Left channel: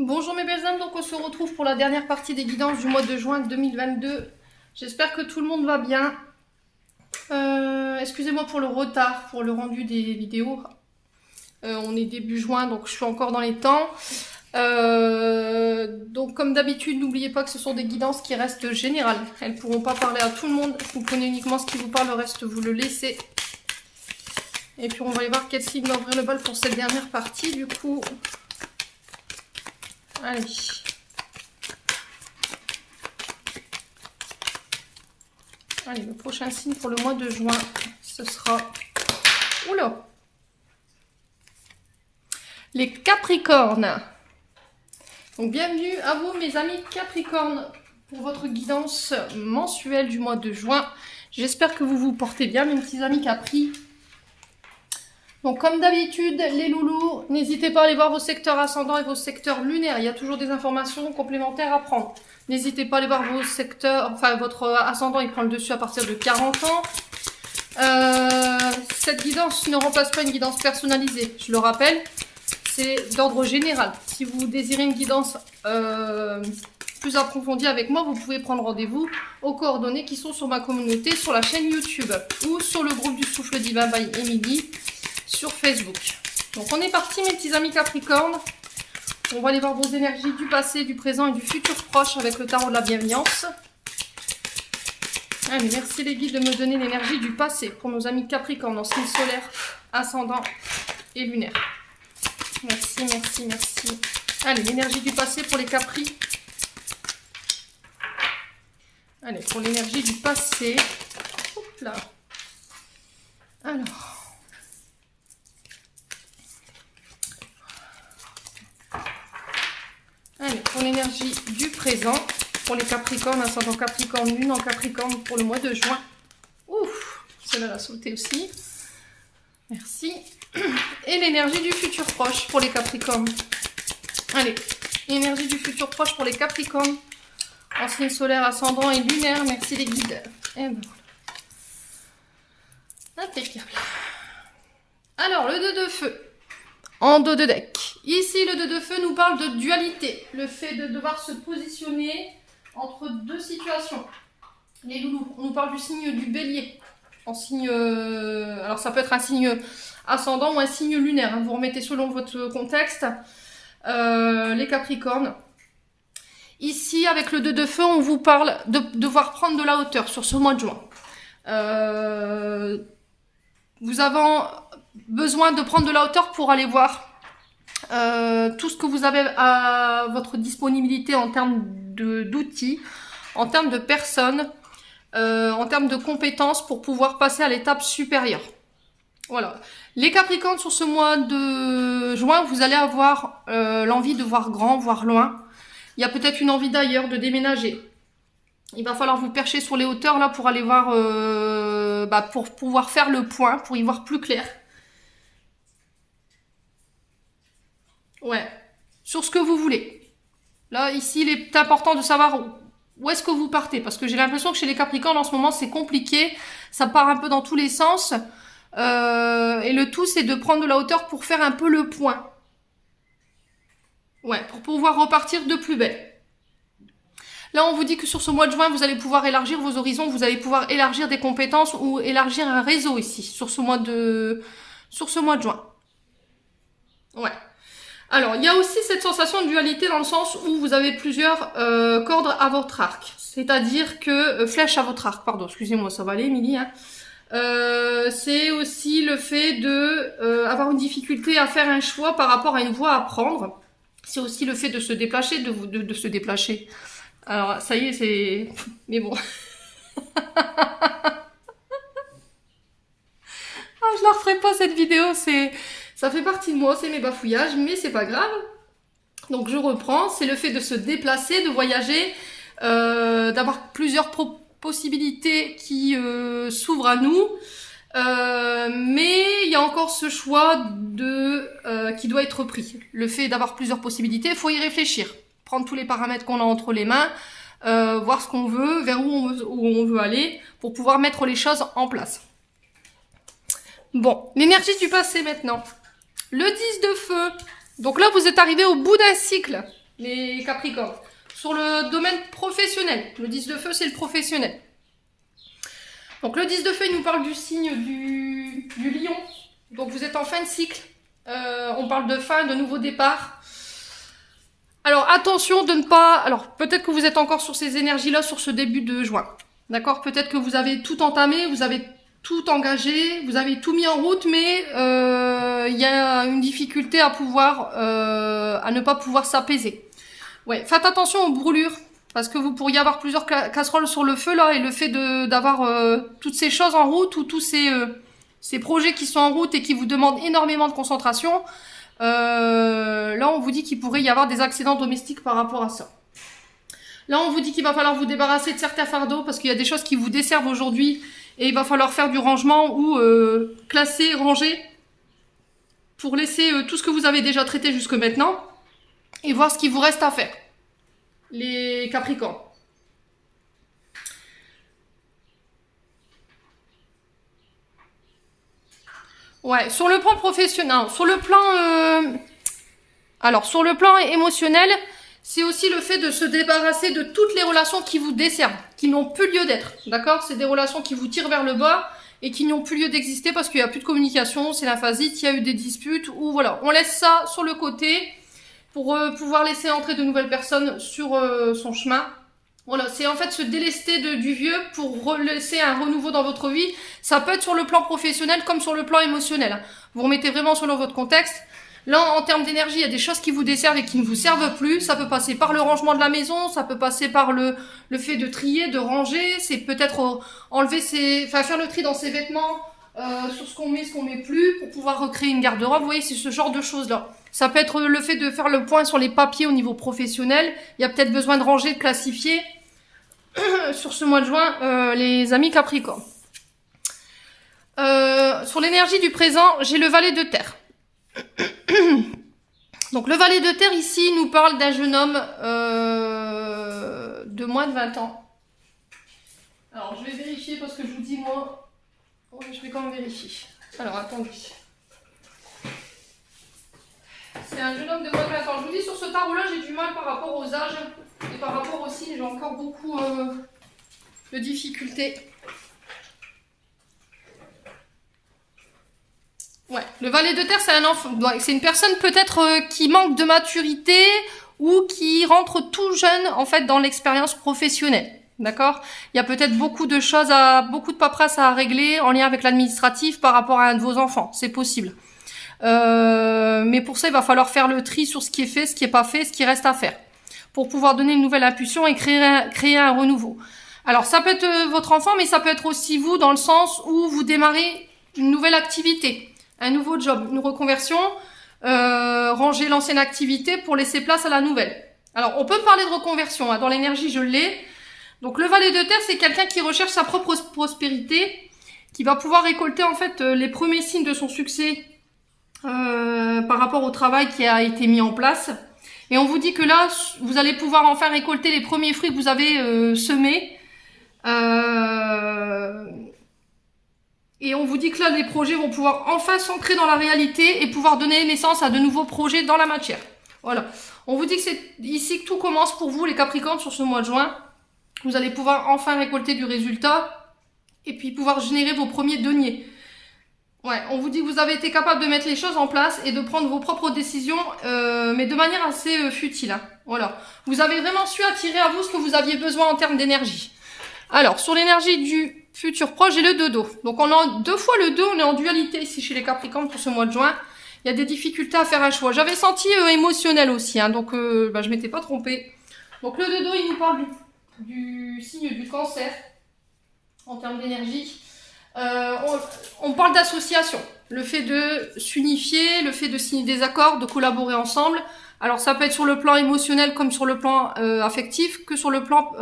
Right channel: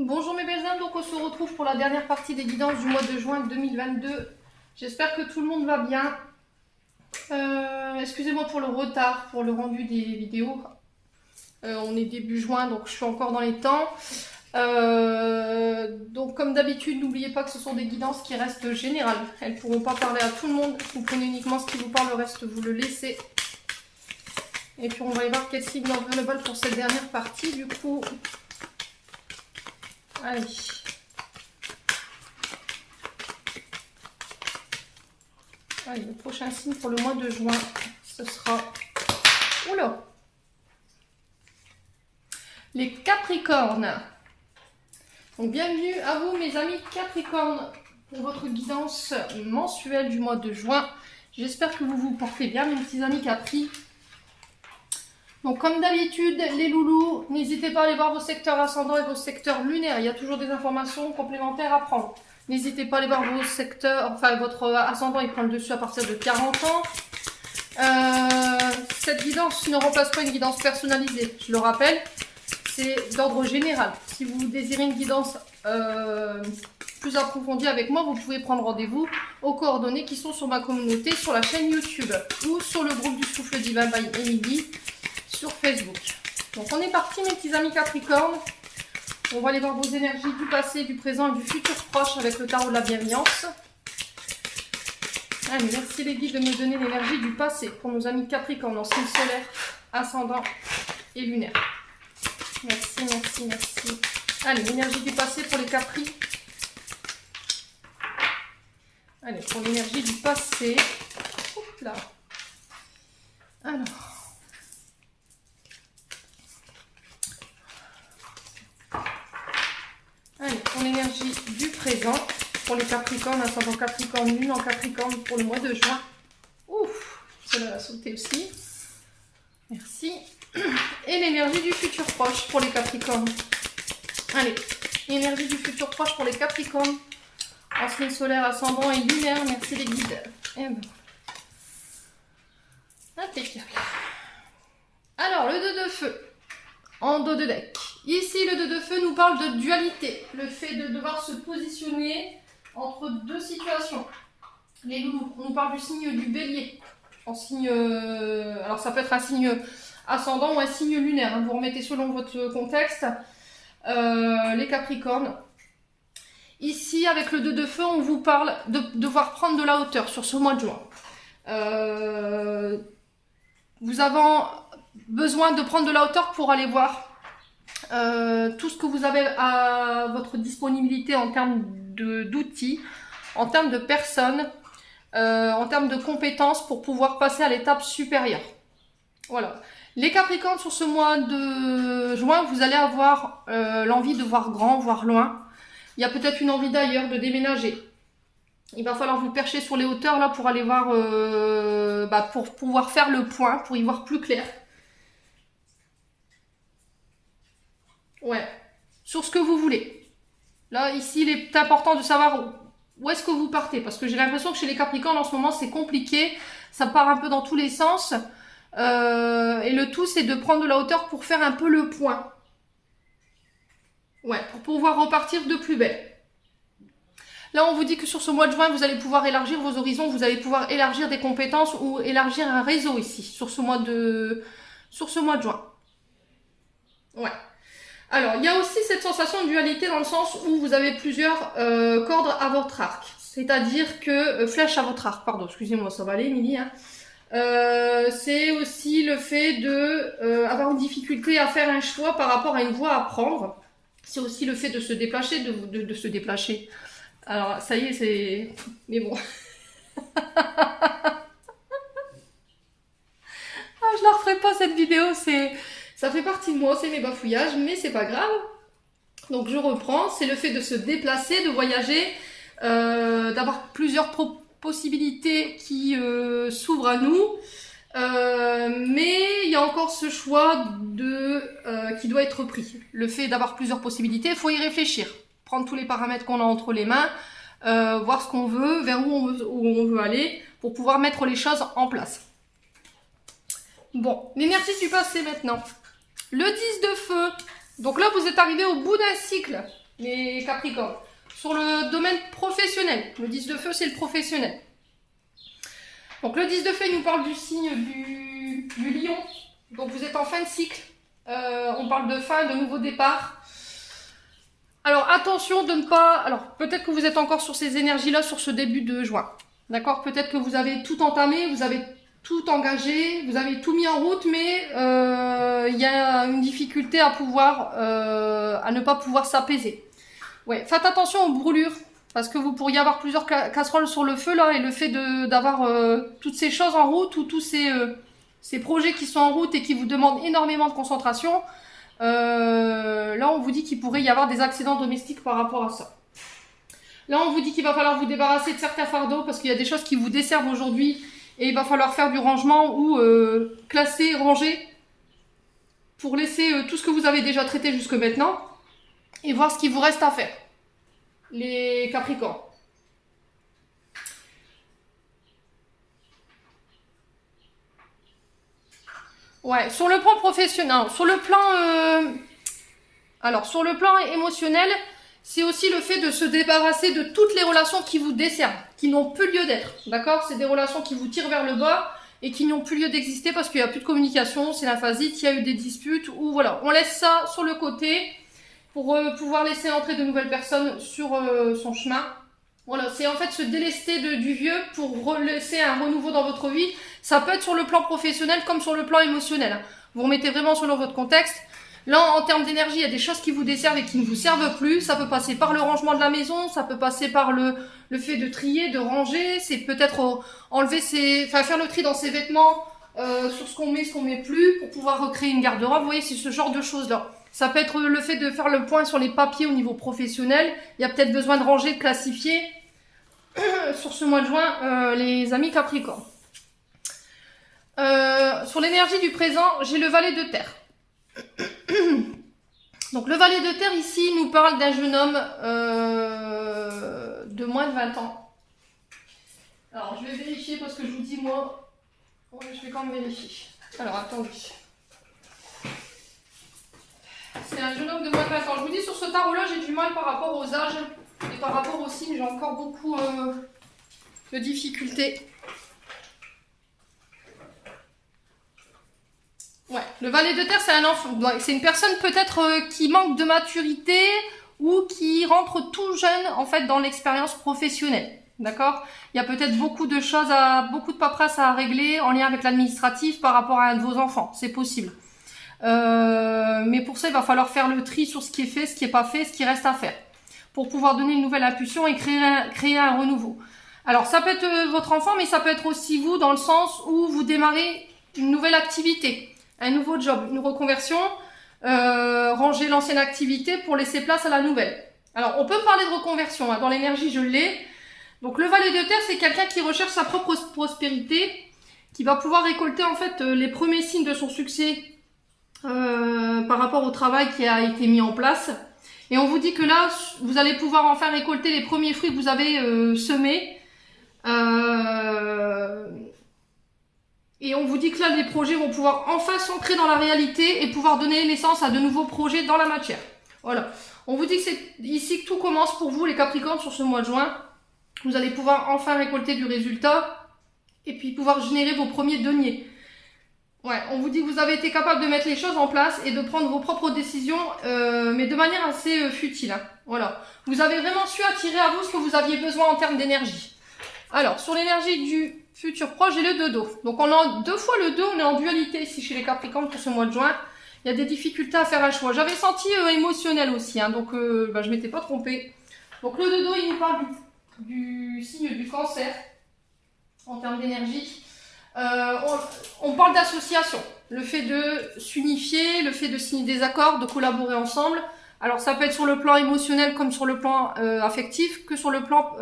Bonjour mes belles âmes, donc on se retrouve pour la dernière partie des guidances du mois de juin 2022. J'espère que tout le monde va bien. Excusez-moi pour le retard, pour le rendu des vidéos. On est début juin, donc je suis encore dans les temps. Donc comme d'habitude, n'oubliez pas que ce sont des guidances qui restent générales. Elles ne pourront pas parler à tout le monde. Vous prenez uniquement ce qui vous parle, le reste vous le laissez. Et puis on va aller voir quel signe d'envers le bal pour cette dernière partie. Du coup, allez. Allez, le prochain signe pour le mois de juin, ce sera... Oula! Les Capricornes. Donc bienvenue à vous mes amis Capricornes pour votre guidance mensuelle du mois de juin. J'espère que vous vous portez bien mes petits amis Capri. Donc comme d'habitude les loulous, n'hésitez pas à aller voir vos secteurs ascendants et vos secteurs lunaires. Il y a toujours des informations complémentaires à prendre. N'hésitez pas à aller voir vos secteurs, enfin votre ascendant il prend le dessus à partir de 40 ans. Cette guidance ne remplace pas une guidance personnalisée, je le rappelle. C'est d'ordre général. Si vous désirez une guidance plus approfondie avec moi, vous pouvez prendre rendez-vous aux coordonnées qui sont sur ma communauté, sur la chaîne YouTube ou sur le groupe du Souffle Divin by Emily sur Facebook. Donc on est parti mes petits amis Capricornes. On va aller voir vos énergies du passé, du présent et du futur proche avec le tarot de la bienveillance. Allez, merci les guides de me donner l'énergie du passé pour nos amis Capricornes en signe solaire, ascendant et lunaire. Merci, merci, merci. Allez, l'énergie du passé pour les Capri. Allez, pour l'énergie du passé. Hop là. Alors. Allez, pour l'énergie du présent, pour les Capricornes, ascendant Capricorne, lune en Capricorne pour le mois de juin. Ouf, celle-là l'a sauté aussi. Merci. Et l'énergie du futur proche pour les Capricornes. Allez, énergie du futur proche pour les Capricornes. En signe solaire, ascendant et lunaire. Merci les guides. Et ben voilà. Impeccable. Alors, le 2 de feu. En dos de deck. Ici, le 2 de feu nous parle de dualité. Le fait de devoir se positionner entre deux situations. Les loulous, on nous parle du signe du bélier. En signe... alors, ça peut être un signe ascendant ou un signe lunaire. Vous remettez selon votre contexte. Les Capricornes. Ici, avec le 2 de feu, on vous parle de devoir prendre de la hauteur sur ce mois de juin. Vous avez besoin de prendre de la hauteur pour aller voir tout ce que vous avez à votre disponibilité en termes d'outils, en termes de personnes, en termes de compétences pour pouvoir passer à l'étape supérieure. Voilà. Les Capricornes, sur ce mois de juin, vous allez avoir l'envie de voir grand, voir loin. Il y a peut-être une envie d'ailleurs de déménager. Il va falloir vous percher sur les hauteurs là pour aller voir, pour pouvoir faire le point, pour y voir plus clair. Ouais, sur ce que vous voulez. Là, ici, il est important de savoir où est-ce que vous partez. Parce que j'ai l'impression que chez les Capricornes, en ce moment, c'est compliqué. Ça part un peu dans tous les sens. Et le tout, c'est de prendre de la hauteur pour faire un peu le point. Ouais, pour pouvoir repartir de plus belle. Là, on vous dit que sur ce mois de juin, vous allez pouvoir élargir vos horizons, vous allez pouvoir élargir des compétences ou élargir un réseau ici, sur ce mois de juin. Ouais. Alors, il y a aussi cette sensation de dualité dans le sens où vous avez plusieurs cordes à votre arc. C'est-à-dire que... flèches à votre arc, pardon, excusez-moi, ça va aller, Émilie, hein. C'est aussi le fait de avoir une difficulté à faire un choix par rapport à une voie à prendre. C'est aussi le fait de se déplacer, de se déplacer. Alors, ça y est, c'est... Mais bon. Ah, je la referai pas, cette vidéo. Ça fait partie de moi, c'est mes bafouillages, mais c'est pas grave. Donc, je reprends. C'est le fait de se déplacer, de voyager, d'avoir plusieurs possibilités qui s'ouvrent à nous. Mais il y a encore ce choix qui doit être pris. Le fait d'avoir plusieurs possibilités, il faut y réfléchir. Prendre tous les paramètres qu'on a entre les mains, voir ce qu'on veut, vers où on veut aller, pour pouvoir mettre les choses en place. Bon, l'énergie du passé maintenant. Le 10 de feu. Donc là, vous êtes arrivé au bout d'un cycle. les Capricornes. Sur le domaine professionnel, le 10 de feu, c'est le professionnel. Donc le 10 de feu, il nous parle du signe du lion. Donc vous êtes en fin de cycle. On parle de fin, de nouveau départ. Alors attention de ne pas... Alors peut-être que vous êtes encore sur ces énergies-là sur ce début de juin. D'accord? Peut-être que vous avez tout entamé, vous avez tout engagé, vous avez tout mis en route, mais il y a une difficulté à ne pas pouvoir s'apaiser. Ouais, faites attention aux brûlures, parce que vous pourriez avoir plusieurs casseroles sur le feu là, et le fait d'avoir toutes ces choses en route ou tous ces projets qui sont en route et qui vous demandent énormément de concentration, là on vous dit qu'il pourrait y avoir des accidents domestiques par rapport à ça. Là on vous dit qu'il va falloir vous débarrasser de certains fardeaux parce qu'il y a des choses qui vous desservent aujourd'hui et il va falloir faire du rangement ou classer, ranger pour laisser tout ce que vous avez déjà traité jusque maintenant et voir ce qu'il vous reste à faire, les Capricornes. Ouais, sur le plan professionnel, sur le plan émotionnel, c'est aussi le fait de se débarrasser de toutes les relations qui vous desservent, qui n'ont plus lieu d'être, d'accord? C'est des relations qui vous tirent vers le bas et qui n'ont plus lieu d'exister parce qu'il n'y a plus de communication, c'est la phasite, il y a eu des disputes, ou voilà, on laisse ça sur le côté pour pouvoir laisser entrer de nouvelles personnes sur son chemin. Voilà, c'est en fait se délester du vieux pour laisser un renouveau dans votre vie. Ça peut être sur le plan professionnel comme sur le plan émotionnel. Vous remettez vraiment selon votre contexte. Là, en termes d'énergie, il y a des choses qui vous desservent et qui ne vous servent plus. Ça peut passer par le rangement de la maison, ça peut passer par le fait de trier, de ranger. C'est peut-être faire le tri dans ses vêtements, sur ce qu'on met plus, pour pouvoir recréer une garde-robe. Vous voyez, c'est ce genre de choses-là. Ça peut être le fait de faire le point sur les papiers au niveau professionnel. Il y a peut-être besoin de ranger, de classifier. Sur ce mois de juin, les amis Capricorne. Sur l'énergie du présent, j'ai le valet de terre. Donc le valet de terre ici nous parle d'un jeune homme de moins de 20 ans. Alors je vais vérifier parce que je vous dis moi, je vais quand même vérifier. Alors attendez. C'est un jeune homme de moins de 20 ans. Je vous dis sur ce tarot là j'ai du mal par rapport aux âges et par rapport aux signes, j'ai encore beaucoup de difficultés. Ouais, le valet de terre, c'est un enfant. C'est une personne peut-être qui manque de maturité ou qui rentre tout jeune en fait dans l'expérience professionnelle. D'accord? Il y a peut-être beaucoup de choses beaucoup de paperasse à régler en lien avec l'administratif par rapport à un de vos enfants. C'est possible. Mais pour ça, il va falloir faire le tri sur ce qui est fait, ce qui est pas fait, ce qui reste à faire, pour pouvoir donner une nouvelle impulsion et créer un renouveau. Alors, ça peut être votre enfant, mais ça peut être aussi vous, dans le sens où vous démarrez une nouvelle activité, un nouveau job, une reconversion, ranger l'ancienne activité pour laisser place à la nouvelle. Alors, on peut parler de reconversion, hein, dans l'énergie, je l'ai. Donc, le valet de terre, c'est quelqu'un qui recherche sa propre prospérité, qui va pouvoir récolter, en fait, les premiers signes de son succès par rapport au travail qui a été mis en place. Et on vous dit que là, vous allez pouvoir enfin récolter les premiers fruits que vous avez semés. Et on vous dit que là, les projets vont pouvoir enfin s'ancrer dans la réalité et pouvoir donner naissance à de nouveaux projets dans la matière. Voilà. On vous dit que c'est ici que tout commence pour vous, les Capricornes, sur ce mois de juin. Vous allez pouvoir enfin récolter du résultat et puis pouvoir générer vos premiers deniers. Ouais, on vous dit que vous avez été capable de mettre les choses en place et de prendre vos propres décisions, mais de manière assez futile. Hein. Voilà. Vous avez vraiment su attirer à vous ce que vous aviez besoin en termes d'énergie. Alors, sur l'énergie du futur proche, j'ai le 2 d'eau. Donc, on a 2 fois le 2, on est en dualité ici chez les Capricornes pour ce mois de juin. Il y a des difficultés à faire un choix. J'avais senti émotionnel aussi, hein, donc je m'étais pas trompée. Donc, le 2 d'eau, il nous parle du signe du cancer en termes d'énergie. On parle d'association, le fait de s'unifier, le fait de signer des accords, de collaborer ensemble. Alors ça peut être sur le plan émotionnel comme sur le plan affectif, que sur le plan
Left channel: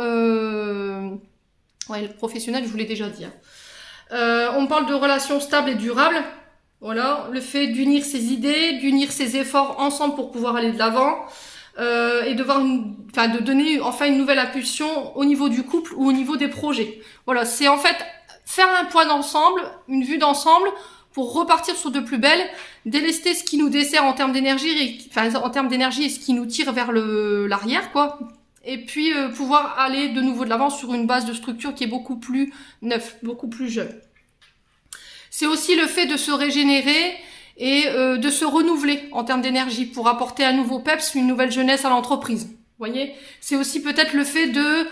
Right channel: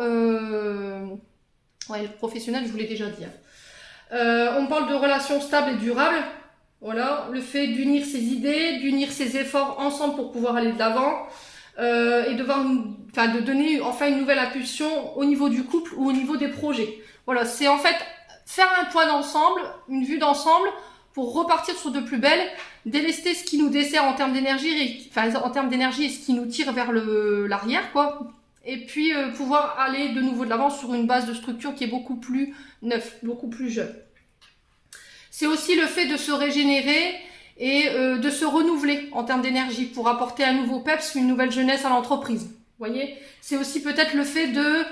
professionnel, je vous l'ai déjà dit. On parle de relations stables et durables. Voilà, le fait d'unir ses idées, d'unir ses efforts ensemble pour pouvoir aller de l'avant et de donner enfin une nouvelle impulsion au niveau du couple ou au niveau des projets. Voilà, c'est en fait faire un point d'ensemble, une vue d'ensemble pour repartir sur de plus belles, délester ce qui nous dessert en termes d'énergie, enfin en termes d'énergie et ce qui nous tire vers l'arrière, quoi. Et puis pouvoir aller de nouveau de l'avant sur une base de structure qui est beaucoup plus neuve, beaucoup plus jeune. C'est aussi le fait de se régénérer et de se renouveler en termes d'énergie pour apporter un nouveau peps, une nouvelle jeunesse à l'entreprise. Vous voyez, c'est aussi peut-être le fait de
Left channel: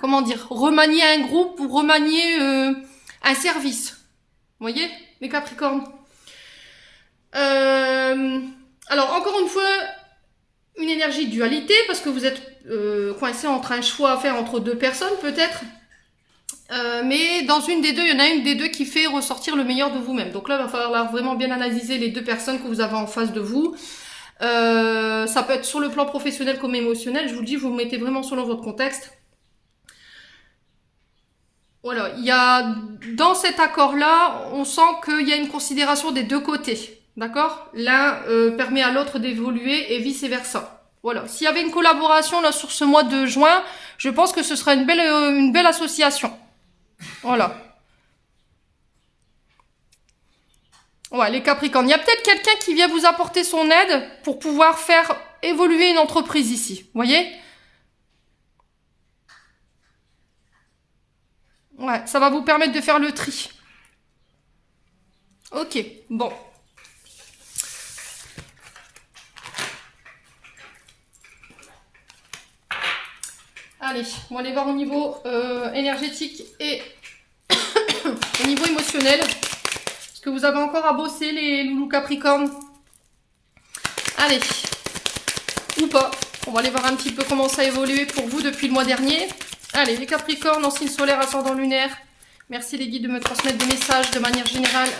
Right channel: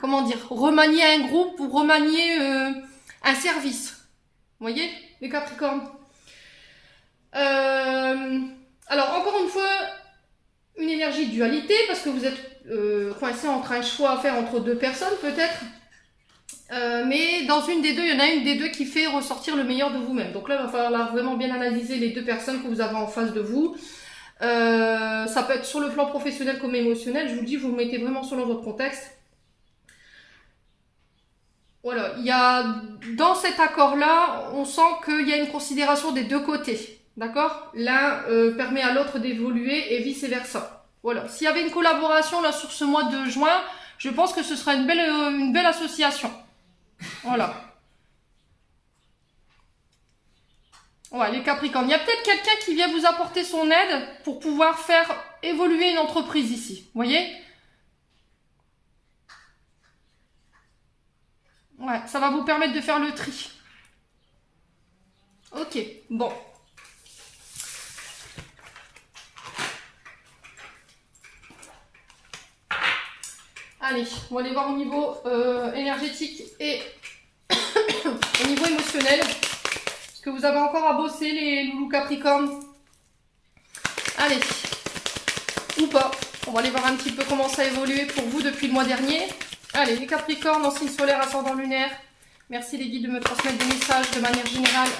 comment dire, remanier un groupe ou remanier un service. Vous voyez, les Capricornes. Alors, encore une fois, une énergie de dualité, parce que vous êtes coincé entre un choix à faire entre deux personnes, peut-être. Mais dans une des deux, il y en a une des deux qui fait ressortir le meilleur de vous-même. Donc là, il va falloir vraiment bien analyser les deux personnes que vous avez en face de vous. Ça peut être sur le plan professionnel comme émotionnel. Je vous le dis, vous vous mettez vraiment selon votre contexte. Voilà, il y a dans cet accord-là, on sent qu'il y a une considération des deux côtés. D'accord? L'un permet à l'autre d'évoluer et vice-versa. Voilà. S'il y avait une collaboration là sur ce mois de juin, je pense que ce serait une belle association. Voilà. Ouais, les Capricornes. Il y a peut-être quelqu'un qui vient vous apporter son aide pour pouvoir faire évoluer une entreprise ici. Vous voyez? Ouais, ça va vous permettre de faire le tri. Ok, bon. Allez, on va aller voir au niveau énergétique et au niveau émotionnel. Est-ce que vous avez encore à bosser, les loulous Capricornes? Allez, ou pas. On va aller voir un petit peu comment ça a évolué pour vous depuis le mois dernier. Allez, les Capricornes en signe solaire, ascendant lunaire. Merci les guides de me transmettre des messages de manière générale.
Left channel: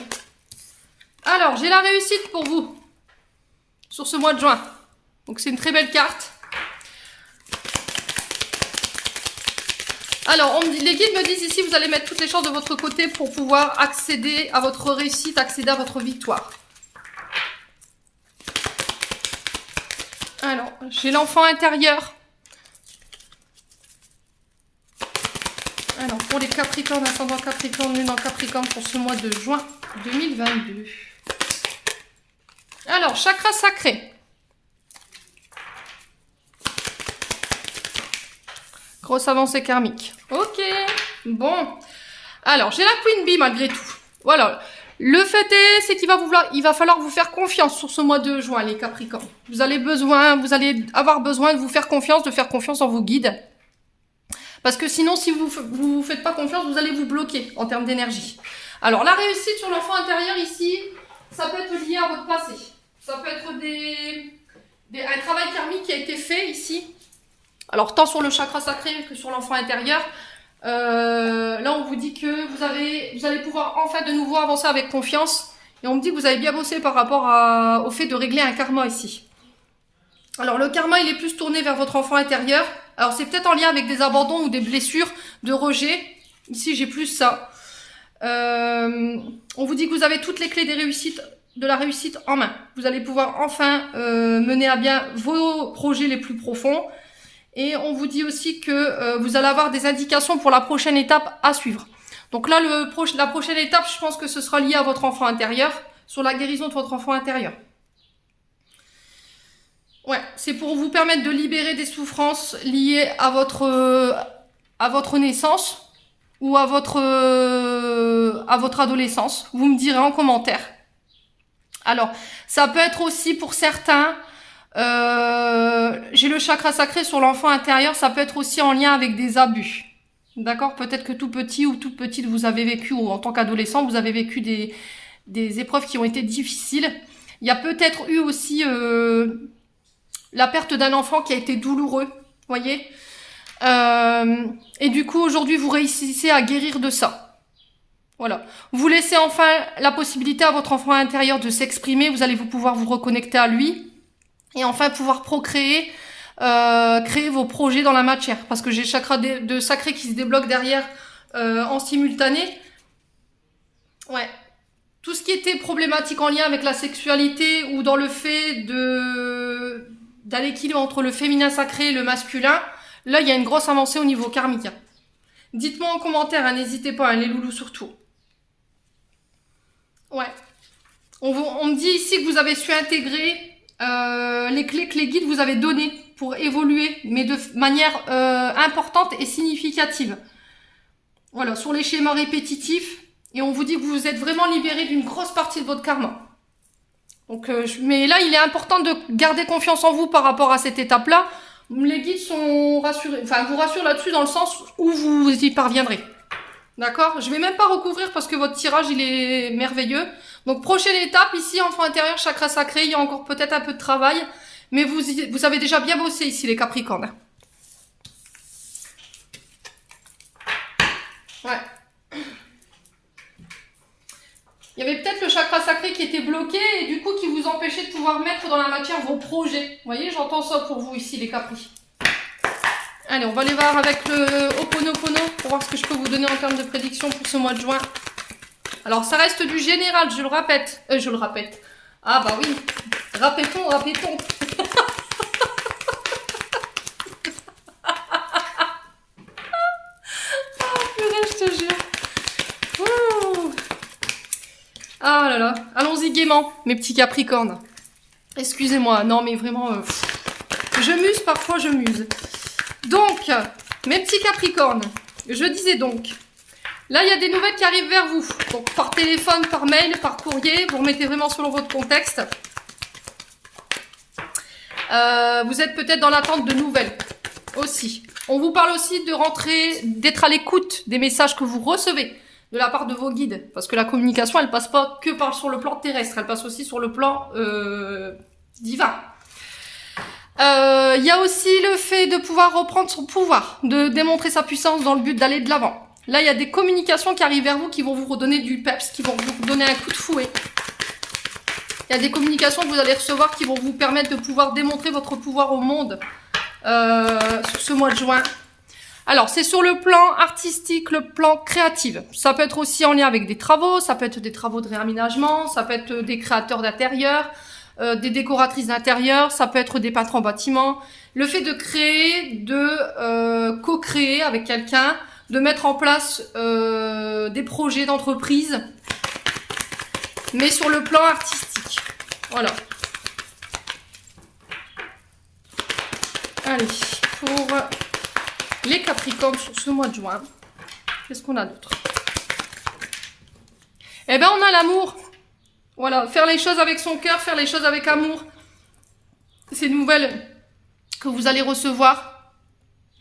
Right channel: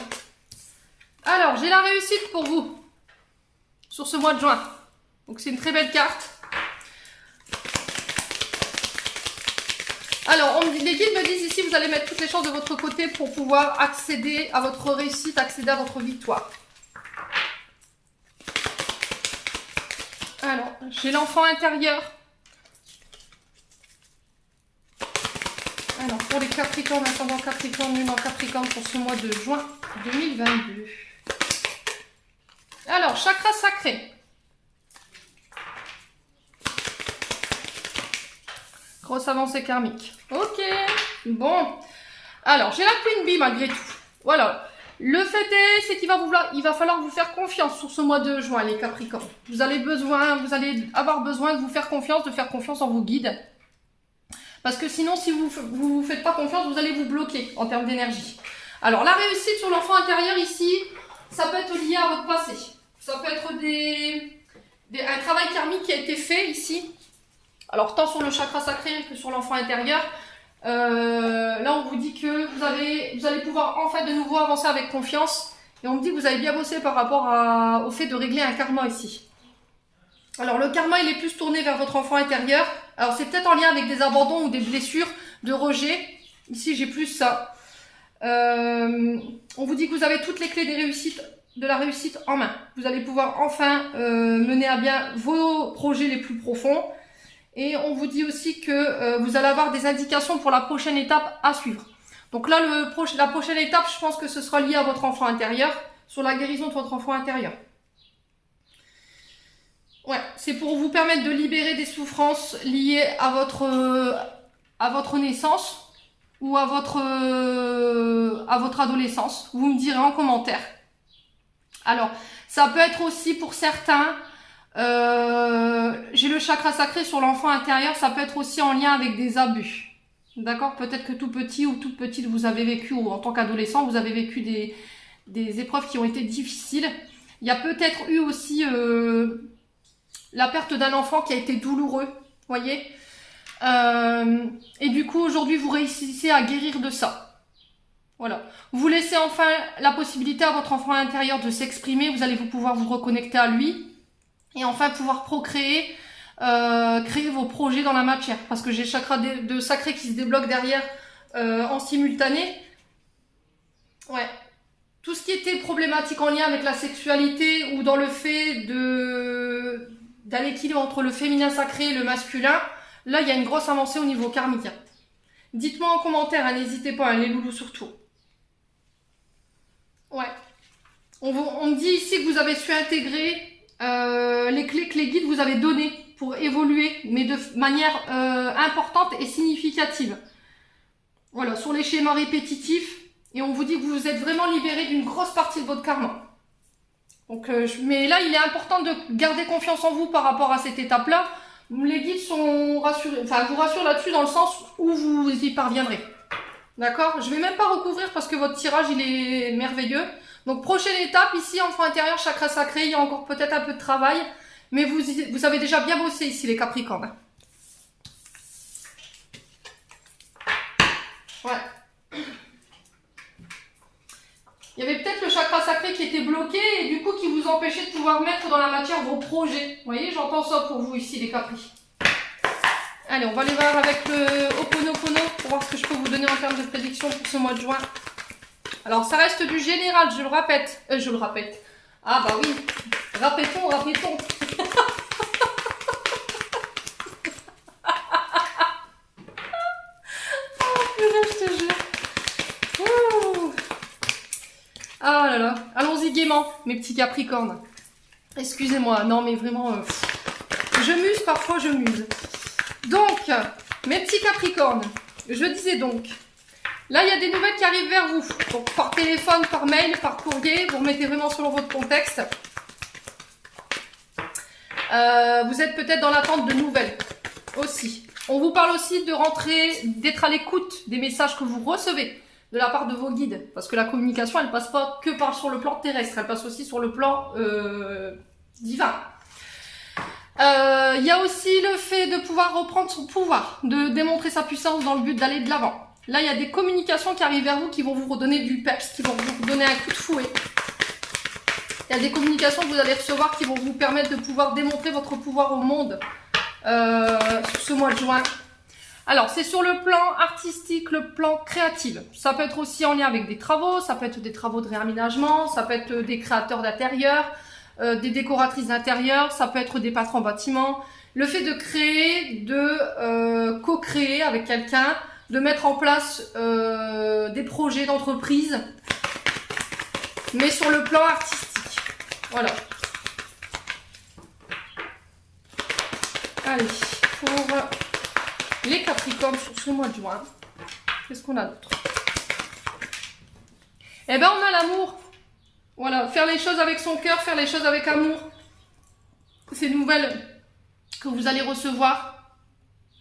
Alors, j'ai la réussite pour vous sur ce mois de juin. Donc, c'est une très belle carte. Alors, les guides me disent ici, vous allez mettre toutes les chances de votre côté pour pouvoir accéder à votre réussite, accéder à votre victoire. Alors, j'ai l'enfant intérieur. Alors, pour les Capricornes, ascendant Capricorne, lune en Capricorne pour ce mois de juin 2022. Alors, chakra sacré. Grosse avancée karmique. Ok, bon. Alors, j'ai la Queen Bee malgré tout. Voilà. Le fait est, c'est qu'il va falloir vous faire confiance sur ce mois de juin, les Capricornes. Vous allez avoir besoin de vous faire confiance, de faire confiance en vos guides. Parce que sinon, si vous ne faites pas confiance, vous allez vous bloquer en termes d'énergie. Alors, la réussite sur l'enfant intérieur ici, ça peut être lié à votre passé. Ça peut être un travail karmique qui a été fait ici. Alors, tant sur le chakra sacré que sur l'enfant intérieur. Là, on vous dit que vous allez pouvoir enfin de nouveau avancer avec confiance. Et on me dit que vous avez bien bossé par rapport au fait de régler un karma ici. Alors, le karma, il est plus tourné vers votre enfant intérieur. Alors, c'est peut-être en lien avec des abandons ou des blessures, de rejet. Ici, j'ai plus ça. On vous dit que vous avez toutes les clés de la réussite en main. Vous allez pouvoir enfin mener à bien vos projets les plus profonds. Et on vous dit aussi que vous allez avoir des indications pour la prochaine étape à suivre. Donc là, la prochaine étape, je pense que ce sera lié à votre enfant intérieur, sur la guérison de votre enfant intérieur. Ouais, c'est pour vous permettre de libérer des souffrances liées à votre naissance ou à votre adolescence. Vous me direz en commentaire. Alors, ça peut être aussi pour certains, j'ai le chakra sacré sur l'enfant intérieur, ça peut être aussi en lien avec des abus. D'accord? Peut-être que tout petit ou toute petite, vous avez vécu, ou en tant qu'adolescent, vous avez vécu des épreuves qui ont été difficiles. Il y a peut-être eu aussi la perte d'un enfant qui a été douloureux, voyez. Et du coup, aujourd'hui, vous réussissez à guérir de ça. Voilà. Vous laissez enfin la possibilité à votre enfant intérieur de s'exprimer. Vous allez pouvoir vous reconnecter à lui. Et enfin, pouvoir procréer, créer vos projets dans la matière. Parce que j'ai le chakra de sacré qui se débloque derrière en simultané. Ouais. Tout ce qui était problématique en lien avec la sexualité ou dans le fait d'un équilibre entre le féminin sacré et le masculin, là, il y a une grosse avancée au niveau karmique. Dites-moi en commentaire, hein, n'hésitez pas, hein, les loulous surtout. Ouais. On me dit ici que vous avez su intégrer les clés que les guides vous avaient données pour évoluer, mais de manière importante et significative. Voilà, sur les schémas répétitifs. Et on vous dit que vous êtes vraiment libéré d'une grosse partie de votre karma. Donc, mais là, il est important de garder confiance en vous par rapport à cette étape-là. Les guides sont rassurés, enfin, vous rassurent là-dessus dans le sens où vous y parviendrez. D'accord? Je vais même pas recouvrir parce que votre tirage, il est merveilleux. Donc, prochaine étape, ici, enfant intérieur, chakra sacré, il y a encore peut-être un peu de travail. Mais vous avez déjà bien bossé ici, les Capricornes. Ouais. Il y avait peut-être le chakra sacré qui était bloqué et du coup qui vous empêchait de pouvoir mettre dans la matière vos projets. Vous voyez, j'entends ça pour vous ici, les Capris. Allez, on va aller voir avec le Ho'oponopono pour voir ce que je peux vous donner en termes de prédiction pour ce mois de juin. Alors, ça reste du général, je le répète. Je le répète. Ah bah oui, répétons, répétons. Je te jure. Ouh. Ah là là, allons-y gaiement, mes petits Capricornes. Excusez-moi, non mais vraiment, je muse, parfois je muse. Donc, mes petits Capricornes, je disais donc, là il y a des nouvelles qui arrivent vers vous. Donc par téléphone, par mail, par courrier, vous remettez vraiment selon votre contexte. Vous êtes peut-être dans l'attente de nouvelles aussi. On vous parle aussi de rentrer, d'être à l'écoute des messages que vous recevez de la part de vos guides. Parce que la communication, elle passe pas que sur le plan terrestre, elle passe aussi sur le plan divin. Il y a aussi le fait de pouvoir reprendre son pouvoir, de démontrer sa puissance dans le but d'aller de l'avant. Là, il y a des communications qui arrivent vers vous qui vont vous redonner du peps, qui vont vous donner un coup de fouet. Il y a des communications que vous allez recevoir qui vont vous permettre de pouvoir démontrer votre pouvoir au monde sur ce mois de juin. Alors, c'est sur le plan artistique, le plan créatif. Ça peut être aussi en lien avec des travaux, ça peut être des travaux de réaménagement, ça peut être des créateurs d'intérieur, des décoratrices d'intérieur, ça peut être des peintres en bâtiment. Le fait de créer, de co-créer avec quelqu'un, de mettre en place des projets d'entreprise, mais sur le plan artistique. Voilà. Allez, pour les Capricornes sur ce mois de juin, qu'est-ce qu'on a d'autre? Eh bien, on a l'amour. Voilà, faire les choses avec son cœur, faire les choses avec amour. Ces nouvelles que vous allez recevoir.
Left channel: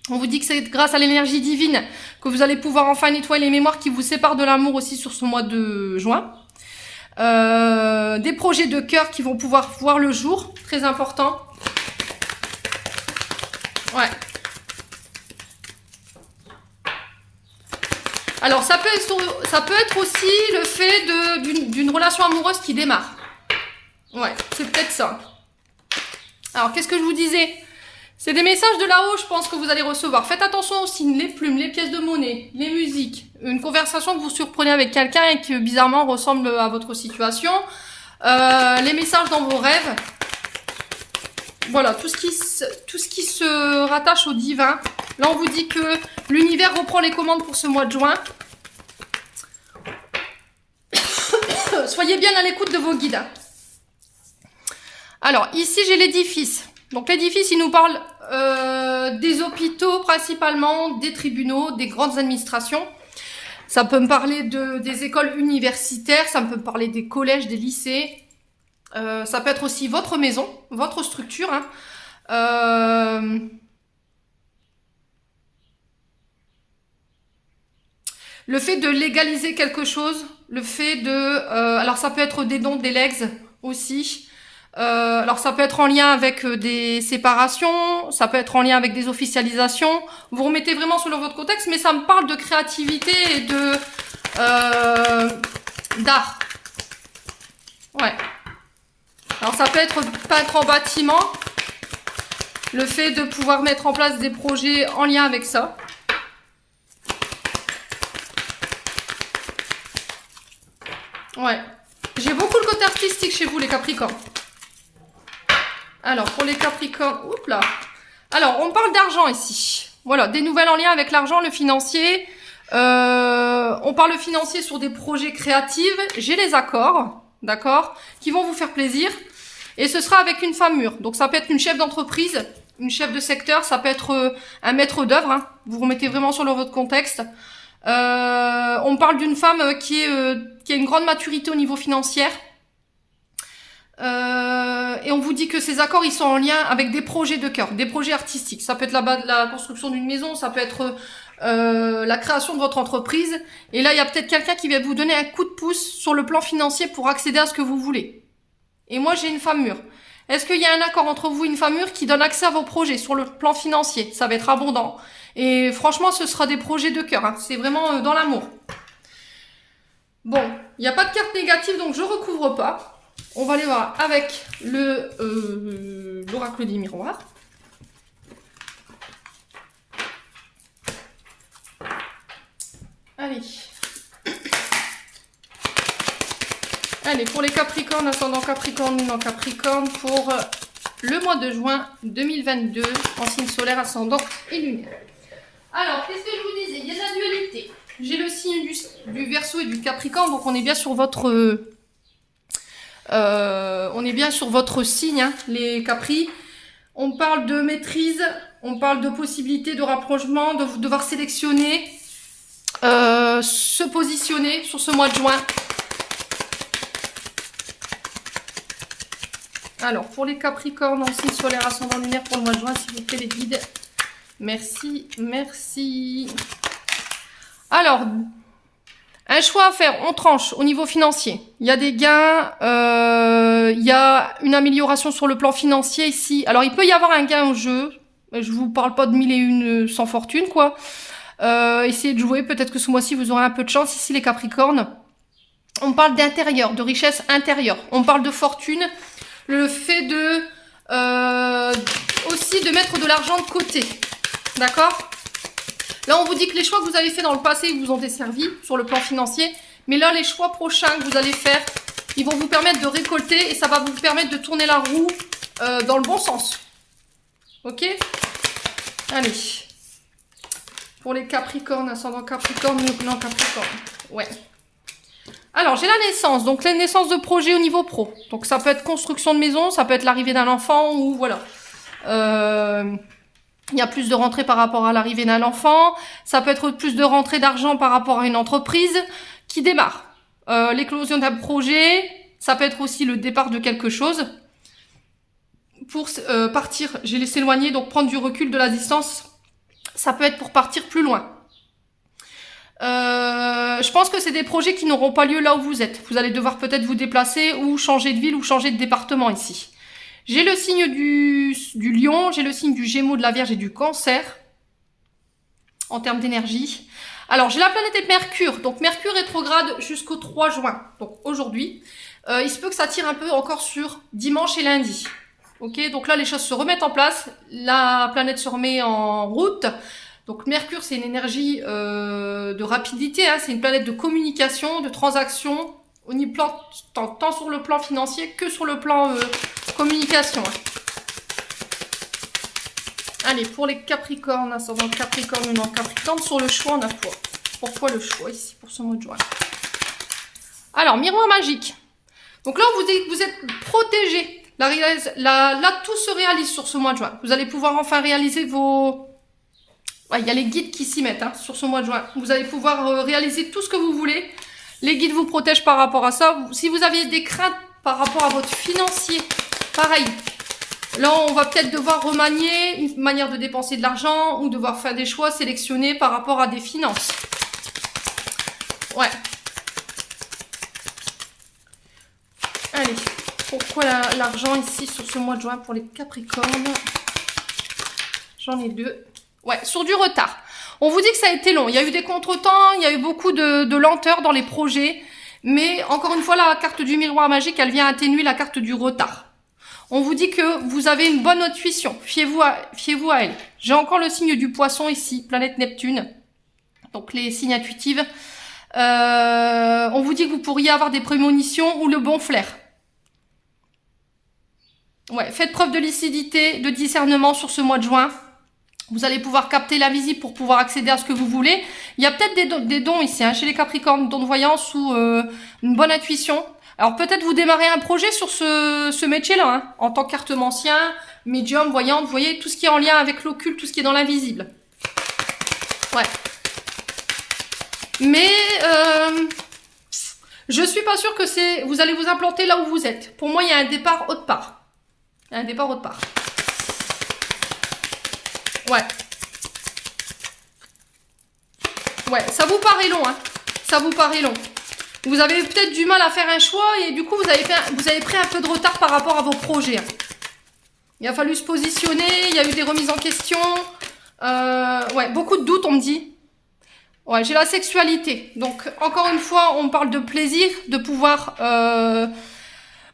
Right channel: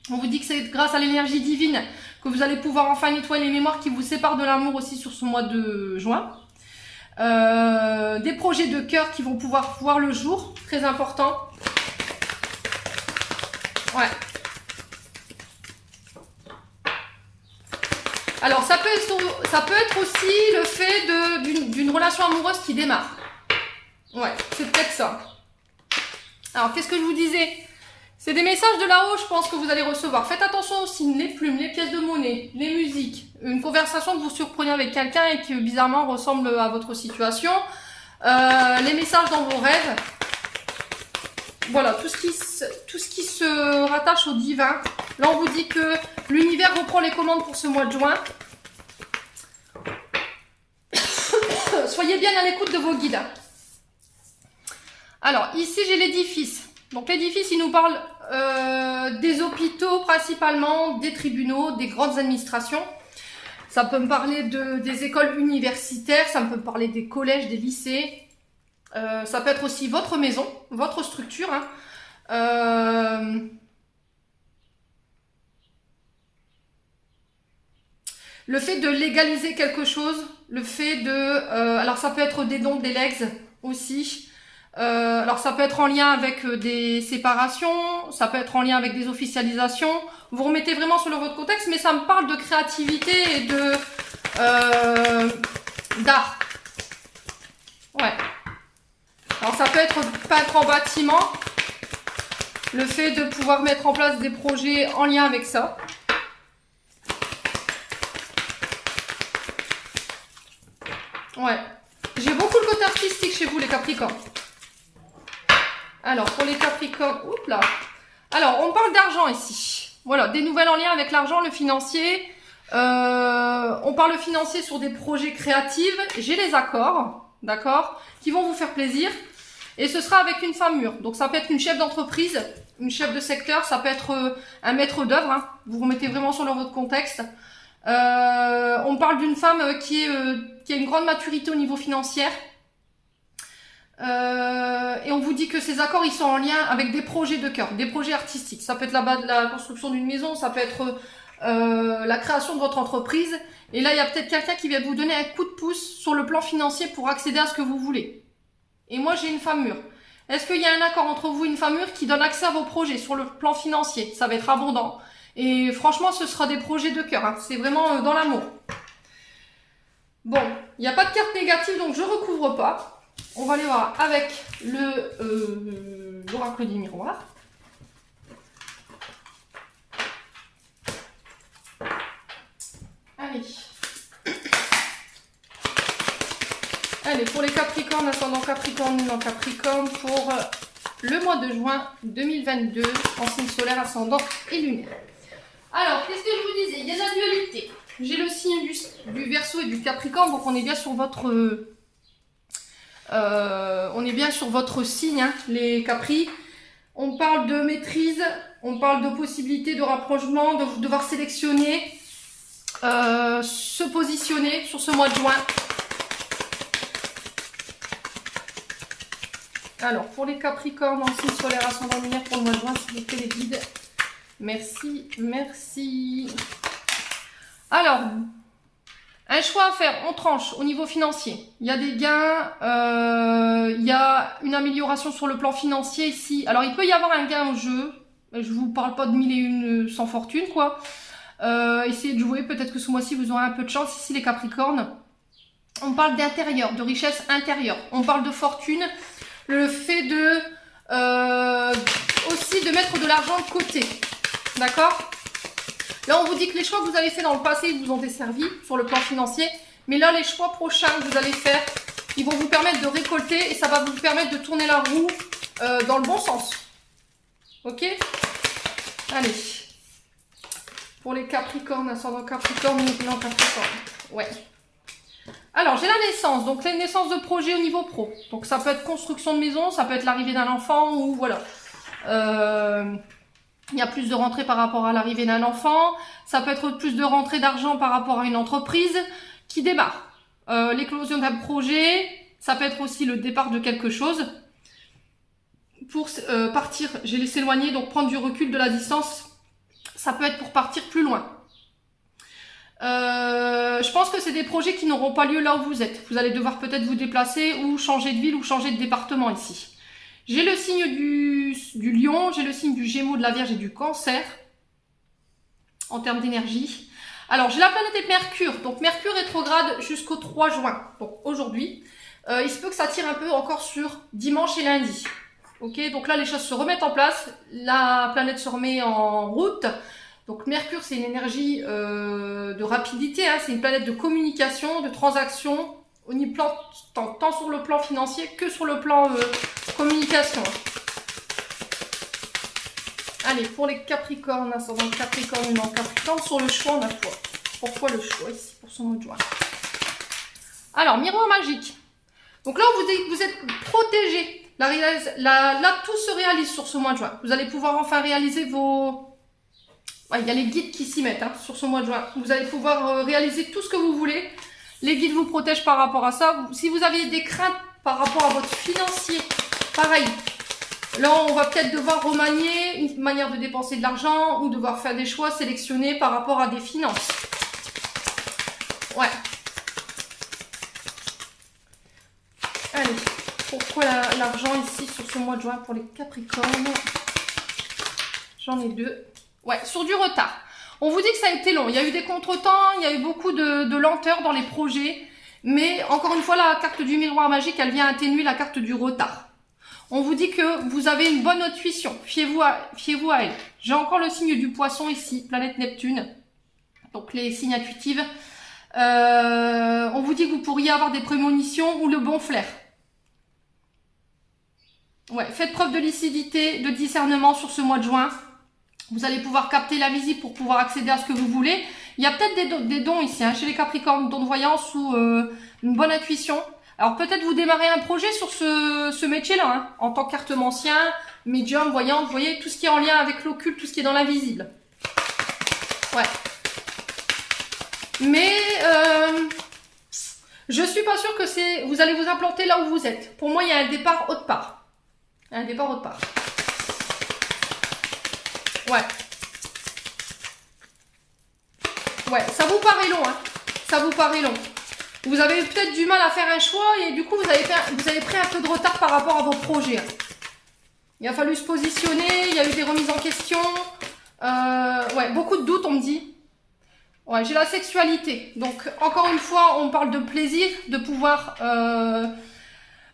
On vous dit que c'est grâce à l'énergie divine que vous allez pouvoir enfin nettoyer les mémoires qui vous séparent de l'amour aussi sur ce mois de juin. Des projets de cœur qui vont pouvoir voir le jour, très important. Ouais. Alors, ça peut être aussi le fait d'une relation amoureuse qui démarre. Ouais, c'est peut-être ça. Alors, qu'est-ce que je vous disais? C'est des messages de là-haut, je pense, que vous allez recevoir. Faites attention aussi, les plumes, les pièces de monnaie, les musiques. Une conversation que vous surprenez avec quelqu'un et qui, bizarrement, ressemble à votre situation. Les messages dans vos rêves. Voilà, tout ce qui se rattache au divin. Là, on vous dit que l'univers reprend les commandes pour ce mois de juin. Soyez bien à l'écoute de vos guides. Alors, ici, j'ai l'édifice. Donc, l'édifice, il nous parle des hôpitaux principalement, des tribunaux, des grandes administrations. Ça peut me parler des écoles universitaires, ça peut me parler des collèges, des lycées. Ça peut être aussi votre maison, votre structure. Hein. Le fait de légaliser quelque chose, le fait de... alors ça peut être des dons, des legs aussi. Alors ça peut être en lien avec des séparations, ça peut être en lien avec des officialisations. Vous remettez vraiment selon votre contexte, mais ça me parle de créativité et de d'art. Ouais. Alors ça peut être peintre en bâtiment, le fait de pouvoir mettre en place des projets en lien avec ça. Ouais. J'ai beaucoup le côté artistique chez vous les Capricornes. Alors pour les Capricornes, oups là. Alors on parle d'argent ici. Voilà, des nouvelles en lien avec l'argent, le financier. On parle financier sur des projets créatifs. J'ai les accords, d'accord, qui vont vous faire plaisir. Et ce sera avec une femme mûre. Donc ça peut être une chef d'entreprise, une chef de secteur, ça peut être un maître d'œuvre. Hein. Vous remettez vraiment sur votre contexte. On parle d'une femme qui a une grande maturité au niveau financier. Et on vous dit que ces accords, ils sont en lien avec des projets de cœur, des projets artistiques. Ça peut être la construction d'une maison, ça peut être la création de votre entreprise. Et là, il y a peut-être quelqu'un qui va vous donner un coup de pouce sur le plan financier pour accéder à ce que vous voulez. Et moi, j'ai une femme mûre. Est-ce qu'il y a un accord entre vous et une femme mûre qui donne accès à vos projets sur le plan financier? Ça va être abondant. Et franchement, ce sera des projets de cœur. Hein. C'est vraiment dans l'amour. Bon, il n'y a pas de carte négative, donc je recouvre pas. On va aller voir avec l'oracle des miroirs. Allez. Allez, pour les Capricornes, ascendant Capricorne, lunan Capricorne, pour le mois de juin 2022, en signe solaire, ascendant et lunaire. Alors, qu'est-ce que je vous disais? Il y a la dualité. J'ai le signe du Verseau et du Capricorne, donc on est bien sur votre... on est bien sur votre signe, hein, les Capris. On parle de maîtrise, on parle de possibilité de rapprochement, de devoir sélectionner, se positionner sur ce mois de juin. Alors, pour les Capricornes, en signe solaire, ascendant lunaire pour le mois de juin, s'il vous plaît, les guides. Merci, merci. Alors, un choix à faire, on tranche au niveau financier. Il y a des gains, il y a une amélioration sur le plan financier ici. Alors, il peut y avoir un gain au jeu. Je vous parle pas de 1001 sans fortune, quoi. Essayez de jouer, peut-être que ce mois-ci, vous aurez un peu de chance. Ici, les Capricornes, on parle d'intérieur, de richesse intérieure. On parle de fortune. Le fait de aussi de mettre de l'argent de côté. D'accord? Là, on vous dit que les choix que vous avez faits dans le passé vous ont desservi sur le plan financier. Mais là, les choix prochains que vous allez faire, ils vont vous permettre de récolter et ça va vous permettre de tourner la roue dans le bon sens. Ok? Allez. Pour les Capricornes, ascendant Capricorne, non Capricorne. Ouais. Alors, j'ai la naissance, donc la naissance de projet au niveau pro. Donc, ça peut être construction de maison, ça peut être l'arrivée d'un enfant ou voilà. Il y a plus de rentrée par rapport à l'arrivée d'un enfant. Ça peut être plus de rentrée d'argent par rapport à une entreprise qui démarre. L'éclosion d'un projet, ça peut être aussi le départ de quelque chose. Pour partir, j'ai laissé éloigner, donc prendre du recul de la distance. Ça peut être pour partir plus loin. Je pense que c'est des projets qui n'auront pas lieu là où vous êtes. Vous allez devoir peut-être vous déplacer ou changer de ville ou changer de département ici. J'ai le signe du lion, j'ai le signe du gémeaux, de la vierge et du cancer en termes d'énergie. Alors, j'ai la planète Mercure. Donc, Mercure rétrograde jusqu'au 3 juin. Donc, aujourd'hui. Il se peut que ça tire un peu encore sur dimanche et lundi. Ok, donc là, les choses se remettent en place. La planète se remet en route. Donc Mercure, c'est une énergie de rapidité, hein, c'est une planète de communication, de transaction, tant sur le plan financier que sur le plan communication. Allez, pour les Capricornes, ascendant Capricorne ou non Capricorne, sur le choix, on a quoi? Pourquoi le choix ici, pour ce mois de juin? Alors, miroir magique. Donc là, vous êtes protégé. Là, tout se réalise sur ce mois de juin. Vous allez pouvoir enfin réaliser vos... Il y a les guides qui s'y mettent hein, sur ce mois de juin. Vous allez pouvoir réaliser tout ce que vous voulez. Les guides vous protègent par rapport à ça. Si vous aviez des craintes par rapport à votre financier, pareil. Là, on va peut-être devoir remanier une manière de dépenser de l'argent ou devoir faire des choix sélectionnés par rapport à des finances. Ouais. Allez, pourquoi l'argent ici sur ce mois de juin pour les Capricornes? J'en ai deux. Ouais, sur du retard. On vous dit que ça a été long. Il y a eu des contretemps, il y a eu beaucoup de lenteur dans les projets. Mais encore une fois, la carte du miroir magique, elle vient atténuer la carte du retard. On vous dit que vous avez une bonne intuition. Fiez-vous à elle. J'ai encore le signe du poisson ici, planète Neptune. Donc les signes intuitifs. On vous dit que vous pourriez avoir des prémonitions ou le bon flair. Ouais, faites preuve de lucidité, de discernement sur ce mois de juin. Vous allez pouvoir capter l'invisible pour pouvoir accéder à ce que vous voulez. Il y a peut-être des dons ici, hein, chez les Capricornes, dons de voyance ou une bonne intuition. Alors peut-être vous démarrez un projet sur ce métier-là, hein, en tant qu'artémancien, médium, voyante, vous voyez, tout ce qui est en lien avec l'occulte, tout ce qui est dans l'invisible. Ouais. Mais je suis pas sûre que vous allez vous implanter là où vous êtes. Pour moi, il y a un départ autre part. Il y a un départ autre part. Ouais. Ouais, ça vous paraît long, hein. Ça vous paraît long. Vous avez peut-être du mal à faire un choix et du coup, vous avez pris un peu de retard par rapport à vos projets. Il a fallu se positionner, il y a eu des remises en question. Ouais, beaucoup de doutes, on me dit. Ouais, j'ai la sexualité. Donc, encore une fois, on parle de plaisir, de pouvoir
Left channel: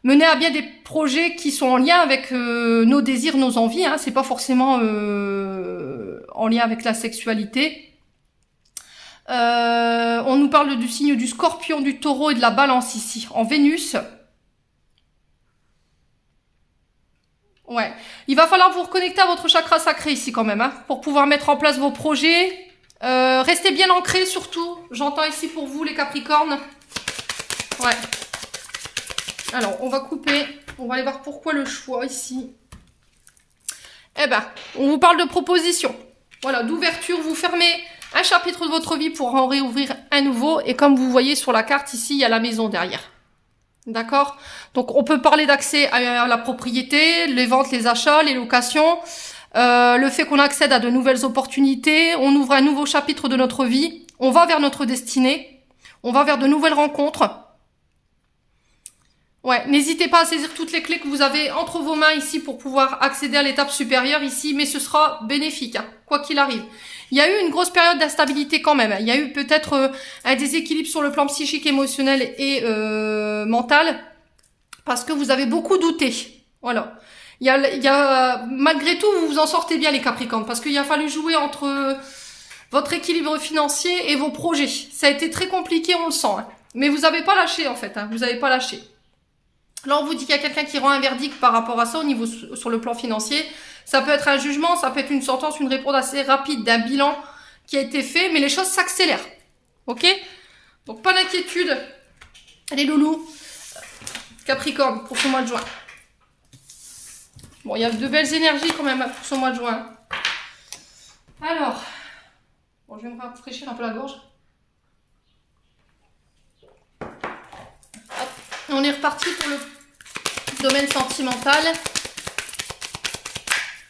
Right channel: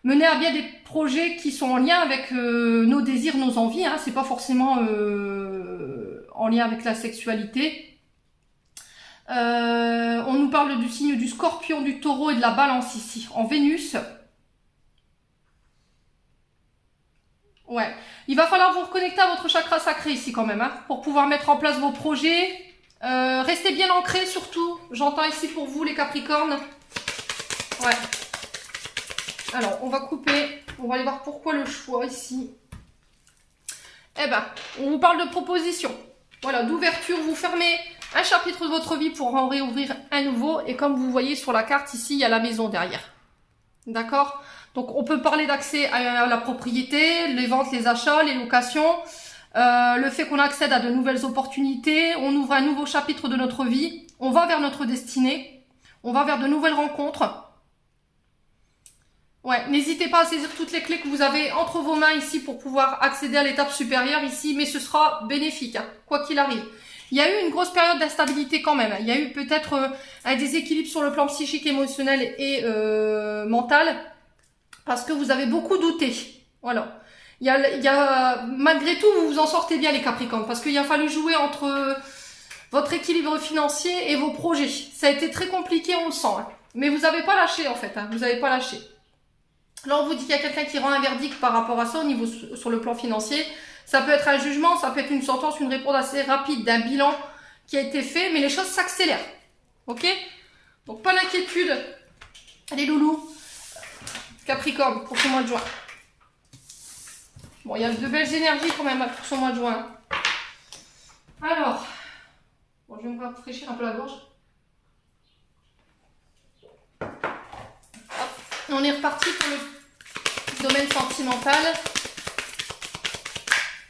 mener à bien des projets qui sont en lien avec nos désirs, nos envies. Hein. C'est pas forcément en lien avec la sexualité. On nous parle du signe du Scorpion, du Taureau et de la Balance ici, en Vénus. Ouais, il va falloir vous reconnecter à votre chakra sacré ici quand même, hein, pour pouvoir mettre en place vos projets. Restez bien ancrés surtout, j'entends ici pour vous les Capricornes. Ouais. Alors, on va couper, on va aller voir pourquoi le choix ici. Eh ben, on vous parle de proposition. Voilà, d'ouverture, vous fermez un chapitre de votre vie pour en réouvrir un nouveau. Et comme vous voyez sur la carte ici, il y a la maison derrière. D'accord? Donc, on peut parler d'accès à la propriété, les ventes, les achats, les locations, le fait qu'on accède à de nouvelles opportunités, on ouvre un nouveau chapitre de notre vie, on va vers notre destinée, on va vers de nouvelles rencontres. Ouais, n'hésitez pas à saisir toutes les clés que vous avez entre vos mains ici pour pouvoir accéder à l'étape supérieure ici, mais ce sera bénéfique, hein, quoi qu'il arrive. Il y a eu une grosse période d'instabilité quand même. Il y a eu peut-être un déséquilibre sur le plan psychique, émotionnel et mental, parce que vous avez beaucoup douté. Voilà. Malgré tout, vous vous en sortez bien les Capricornes, parce qu'il a fallu jouer entre votre équilibre financier et vos projets. Ça a été très compliqué, on le sent. Hein. Mais vous n'avez pas lâché en fait, hein. Vous n'avez pas lâché. Là, on vous dit qu'il y a quelqu'un qui rend un verdict par rapport à ça au niveau sur le plan financier. Ça peut être un jugement, ça peut être une sentence, une réponse assez rapide d'un bilan qui a été fait, mais les choses s'accélèrent. Ok? Donc, pas d'inquiétude, les loulous. Capricorne, pour ce mois de juin. Bon, il y a de belles énergies quand même pour ce mois de juin. Alors, bon, je vais me rafraîchir un peu la gorge. On est reparti pour le domaine sentimental.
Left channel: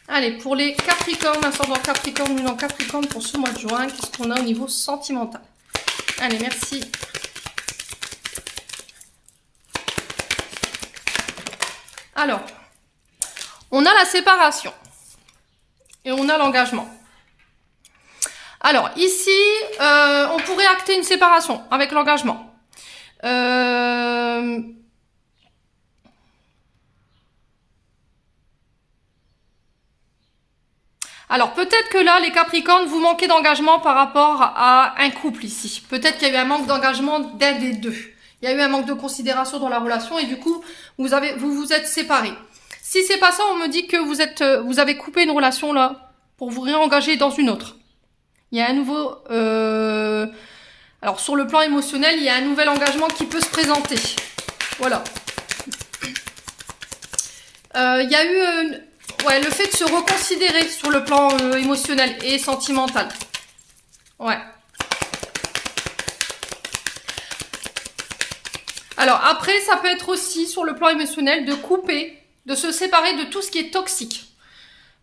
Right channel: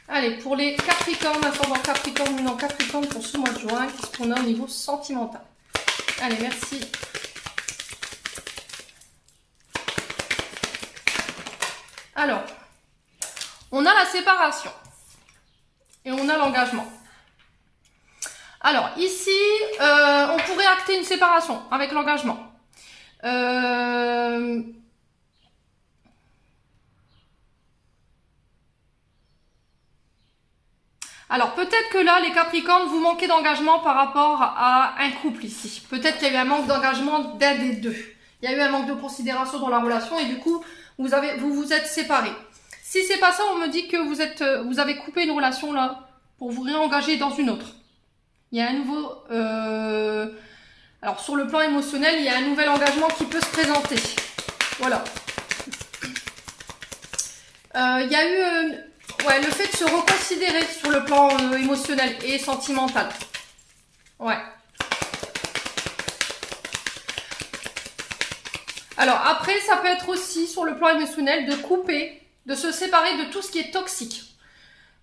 Allez, pour les Capricornes, ascendant Capricorne, lunan Capricorne, pour ce mois de juin, qu'est-ce qu'on a au niveau sentimental? Allez, merci. Alors, on a la séparation et on a l'engagement. Alors, ici, on pourrait acter une séparation avec l'engagement. Alors, peut-être que là, les Capricornes, vous manquez d'engagement par rapport à un couple ici. Peut-être qu'il y a eu un manque d'engagement d'un des deux. Il y a eu un manque de considération dans la relation et du coup, vous vous êtes séparés. Si c'est pas ça, on me dit que vous avez coupé une relation là pour vous réengager dans une autre. Il y a un nouveau... Alors, sur le plan émotionnel, il y a un nouvel engagement qui peut se présenter. Voilà. Il y a eu ouais, le fait de se reconsidérer sur le plan émotionnel et sentimental. Ouais. Alors, après, ça peut être aussi, sur le plan émotionnel, de couper, de se séparer de tout ce qui est toxique.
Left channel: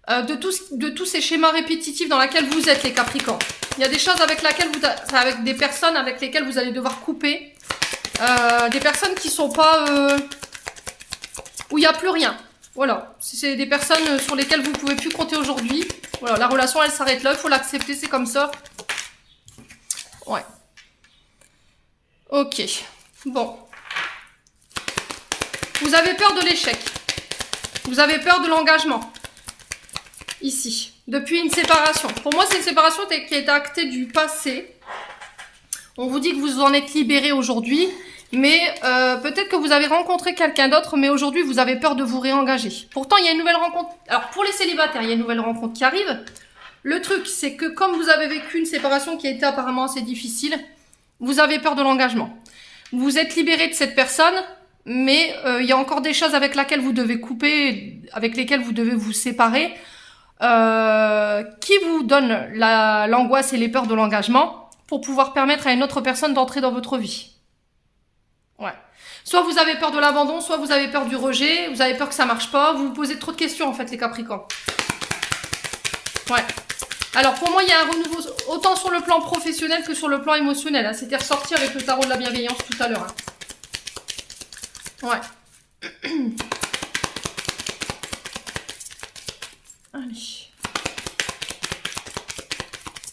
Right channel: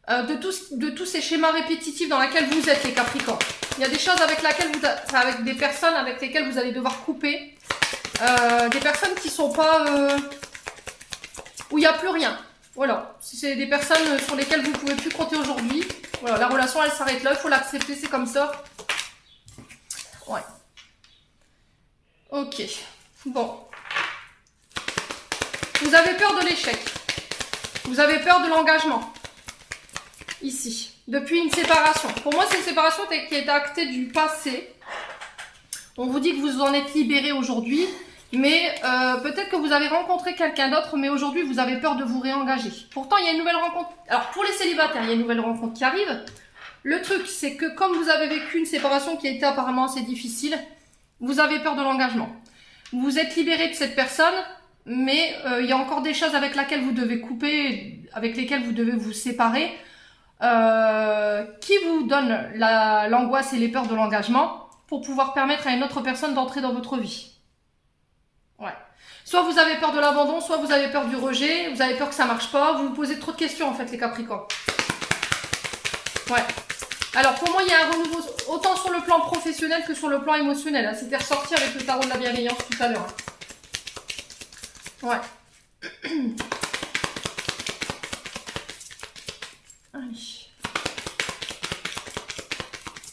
De tous ces schémas répétitifs dans lesquels vous êtes, les Capricornes. Il y a des choses avec des personnes avec lesquelles vous allez devoir couper. Des personnes qui sont pas... où il n'y a plus rien. Voilà. C'est des personnes sur lesquelles vous ne pouvez plus compter aujourd'hui. Voilà, la relation, elle s'arrête là. Il faut l'accepter, c'est comme ça. Ouais. Ok. Bon. Vous avez peur de l'échec. Vous avez peur de l'engagement. Ici, depuis une séparation. Pour moi, c'est une séparation qui est actée du passé. On vous dit que vous en êtes libéré aujourd'hui, mais peut-être que vous avez rencontré quelqu'un d'autre, mais aujourd'hui, vous avez peur de vous réengager. Pourtant, il y a une nouvelle rencontre. Alors, pour les célibataires, il y a une nouvelle rencontre qui arrive. Le truc, c'est que comme vous avez vécu une séparation qui a été apparemment assez difficile, vous avez peur de l'engagement. Vous vous êtes libéré de cette personne, mais il y a encore des choses avec lesquelles vous devez couper, avec lesquelles vous devez vous séparer, qui vous donnent l'angoisse et les peurs de l'engagement pour pouvoir permettre à une autre personne d'entrer dans votre vie. Ouais. Soit vous avez peur de l'abandon, soit vous avez peur du rejet, vous avez peur que ça marche pas, vous vous posez trop de questions en fait les Capricornes. Ouais. Alors pour moi il y a un renouveau autant sur le plan professionnel que sur le plan émotionnel. Hein. C'était ressorti avec le tarot de la bienveillance tout à l'heure. Hein. Ouais. Allez.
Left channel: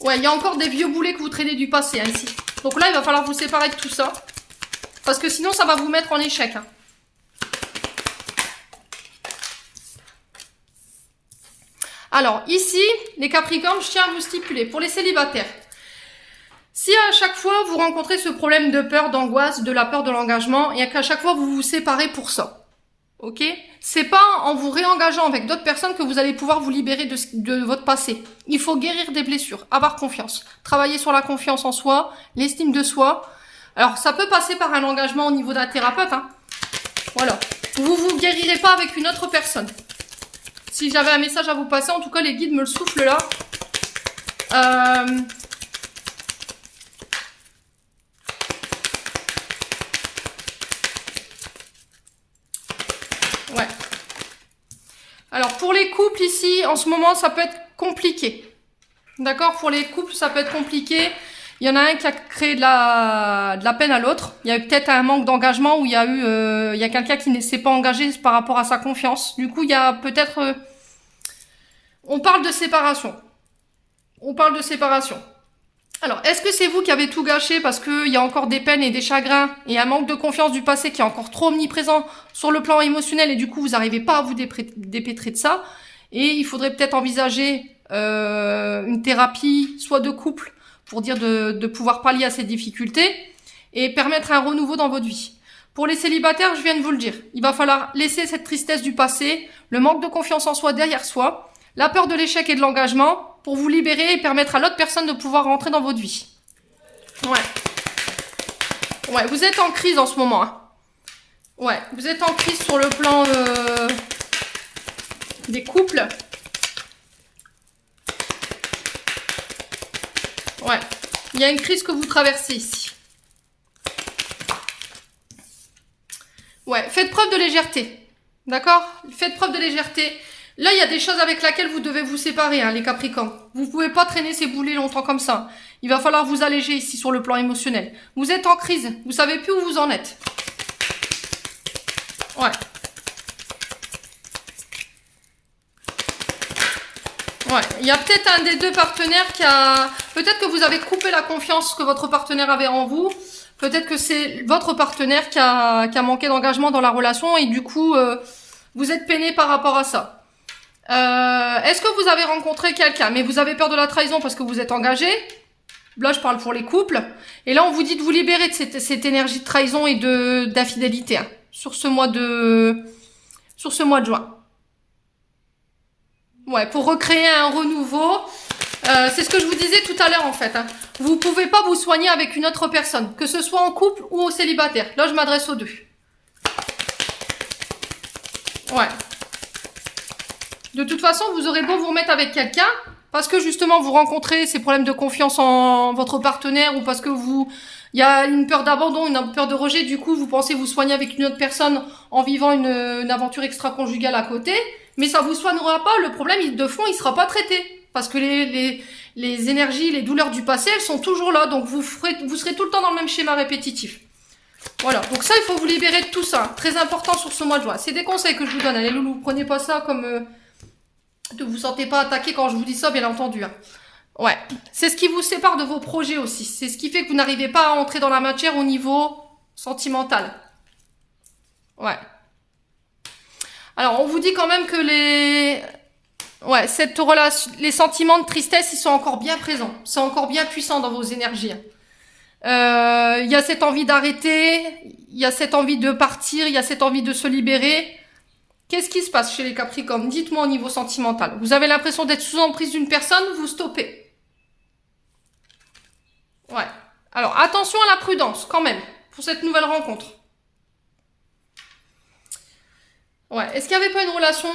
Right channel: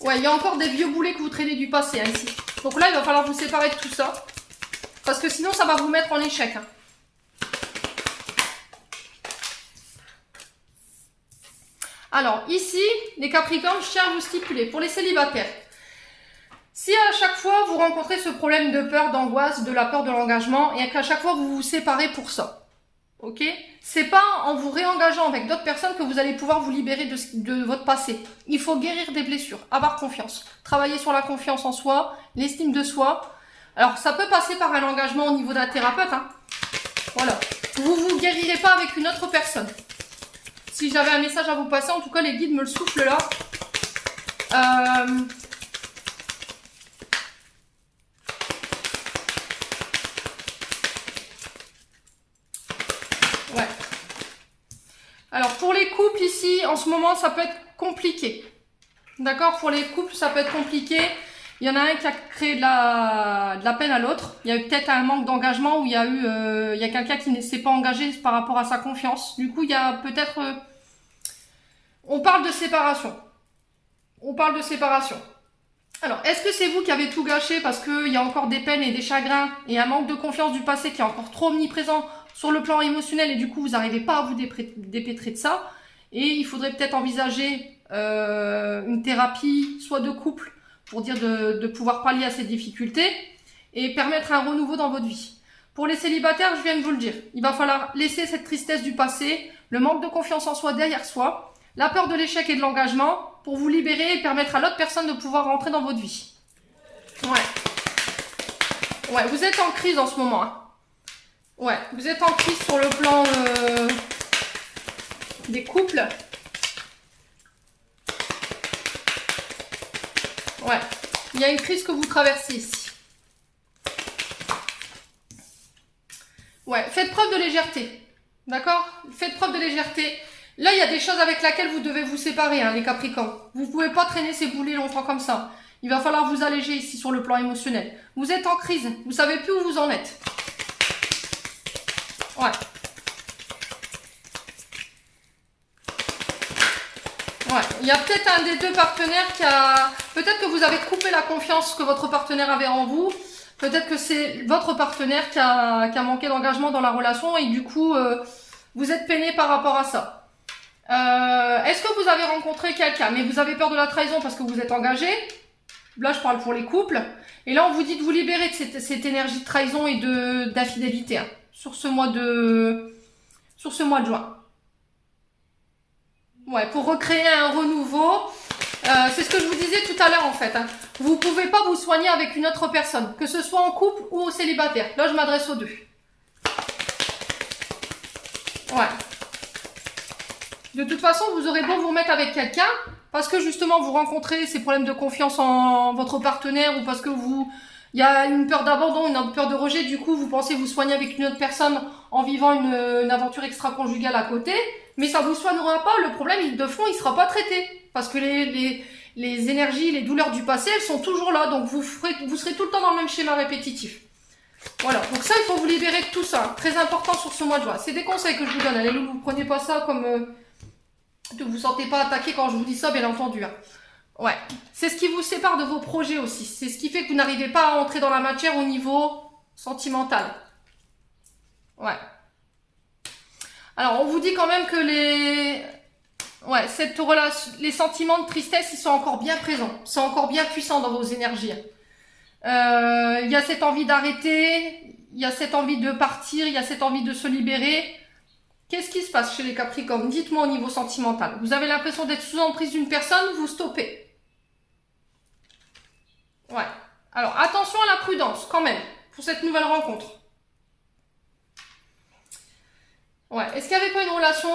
Ouais, il y a encore des vieux boulets que vous traînez du passé hein, ici. Donc là il va falloir vous séparer de tout ça. Parce que sinon ça va vous mettre en échec. Hein. Alors, ici, les Capricornes, je tiens à vous stipuler, pour les célibataires, si à chaque fois vous rencontrez ce problème de peur, d'angoisse, de la peur de l'engagement, et qu'à chaque fois vous vous séparez pour ça, ok? C'est pas en vous réengageant avec d'autres personnes que vous allez pouvoir vous libérer de votre passé. Il faut guérir des blessures, avoir confiance, travailler sur la confiance en soi, l'estime de soi. Alors, ça peut passer par un engagement au niveau d'un thérapeute, hein. Voilà. Vous vous guérirez pas avec une autre personne. Si j'avais un message à vous passer, en tout cas les guides me le soufflent là. Ouais. Alors pour les couples ici, en ce moment ça peut être compliqué. D'accord? Pour les couples ça peut être compliqué. Il y en a un qui a créé de la peine à l'autre. Il y a eu peut-être un manque d'engagement où il y a quelqu'un qui ne s'est pas engagé par rapport à sa confiance. Du coup, il y a peut-être... on parle de séparation. On parle de séparation. Alors, est-ce que c'est vous qui avez tout gâché parce qu'il y a encore des peines et des chagrins et un manque de confiance du passé qui est encore trop omniprésent sur le plan émotionnel et du coup, vous n'arrivez pas à vous dépêtrer de ça et il faudrait peut-être envisager une thérapie, soit de couple, pour dire de pouvoir pallier à ces difficultés et permettre un renouveau dans votre vie. Pour les célibataires, je viens de vous le dire, il va falloir laisser cette tristesse du passé, le manque de confiance en soi derrière soi, la peur de l'échec et de l'engagement pour vous libérer et permettre à l'autre personne de pouvoir rentrer dans votre vie. Ouais. Ouais, vous êtes en crise en ce moment. Hein. Ouais, vous êtes en crise sur le plan des couples. Ouais, il y a une crise que vous traversez ici. Ouais, faites preuve de légèreté. D'accord? Faites preuve de légèreté. Là, il y a des choses avec lesquelles vous devez vous séparer, hein, les Capricornes. Vous ne pouvez pas traîner ces boulets longtemps comme ça. Il va falloir vous alléger ici sur le plan émotionnel. Vous êtes en crise. Vous ne savez plus où vous en êtes. Ouais. Ouais, il y a peut-être un des deux partenaires qui a... Peut-être que vous avez coupé la confiance que votre partenaire avait en vous. Peut-être que c'est votre partenaire qui a manqué d'engagement dans la relation et du coup, vous êtes peiné par rapport à ça. Est-ce que vous avez rencontré quelqu'un, mais vous avez peur de la trahison parce que vous êtes engagé? Là, je parle pour les couples. Et là, on vous dit de vous libérer de cette énergie de trahison et d'infidélité hein, sur ce mois de juin. Ouais, pour recréer un renouveau. C'est ce que je vous disais tout à l'heure en fait. Hein. Vous ne pouvez pas vous soigner avec une autre personne, que ce soit en couple ou au célibataire. Là, je m'adresse aux deux. Ouais. De toute façon, vous aurez beau vous remettre avec quelqu'un, parce que justement vous rencontrez ces problèmes de confiance en votre partenaire ou parce que il y a une peur d'abandon, une peur de rejet, du coup vous pensez vous soigner avec une autre personne en vivant une aventure extra-conjugale à côté, mais ça vous soignera pas, le problème de fond il sera pas traité, parce que les énergies, les douleurs du passé, elles sont toujours là, donc vous serez tout le temps dans le même schéma répétitif. Voilà, donc ça il faut vous libérer de tout ça, très important sur ce mois de juin. C'est des conseils que je vous donne, allez loulou, prenez pas ça comme... ne vous sentez pas attaqué quand je vous dis ça, bien entendu. Hein. Ouais, c'est ce qui vous sépare de vos projets aussi. C'est ce qui fait que vous n'arrivez pas à entrer dans la matière au niveau sentimental. Ouais. Alors, on vous dit quand même que les sentiments de tristesse, ils sont encore bien présents. Ils sont encore bien puissants dans vos énergies. Il y a cette envie d'arrêter, il y a cette envie de partir, il y a cette envie de se libérer Qu'est-ce qui se passe chez les Capricornes? Dites-moi au niveau sentimental. Vous avez l'impression d'être sous emprise d'une personne, vous stoppez. Ouais. Alors, attention à la prudence, quand même, pour cette nouvelle rencontre. Ouais. Est-ce qu'il n'y avait pas une relation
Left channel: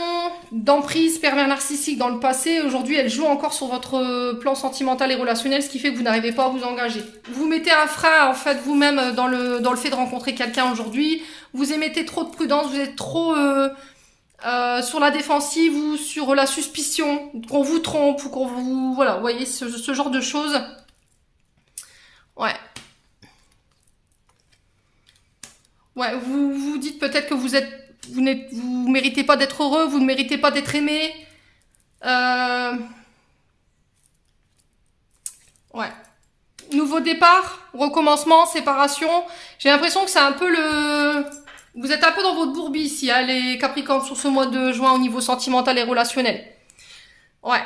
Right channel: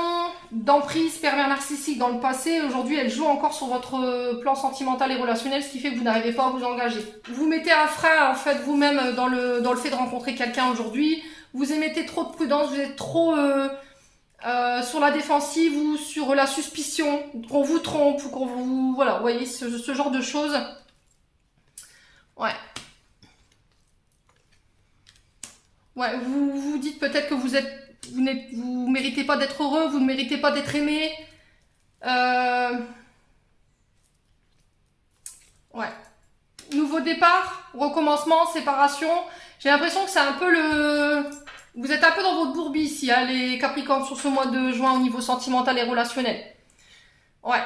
d'emprise pervers narcissique dans le passé? Aujourd'hui, elle joue encore sur votre plan sentimental et relationnel, ce qui fait que vous n'arrivez pas à vous engager. Vous mettez un frein, en fait, vous-même dans le fait de rencontrer quelqu'un aujourd'hui. Vous émettez trop de prudence, vous êtes trop sur la défensive ou sur la suspicion, qu'on vous trompe ou qu'on vous... Voilà, vous voyez, ce genre de choses. Ouais. Ouais, vous vous dites peut-être que vous méritez pas d'être heureux, vous ne méritez pas d'être aimé. Ouais. Nouveau départ, recommencement, séparation. J'ai l'impression que c'est un peu vous êtes un peu dans votre bourbier ici, hein, les Capricornes, sur ce mois de juin au niveau sentimental et relationnel. Ouais.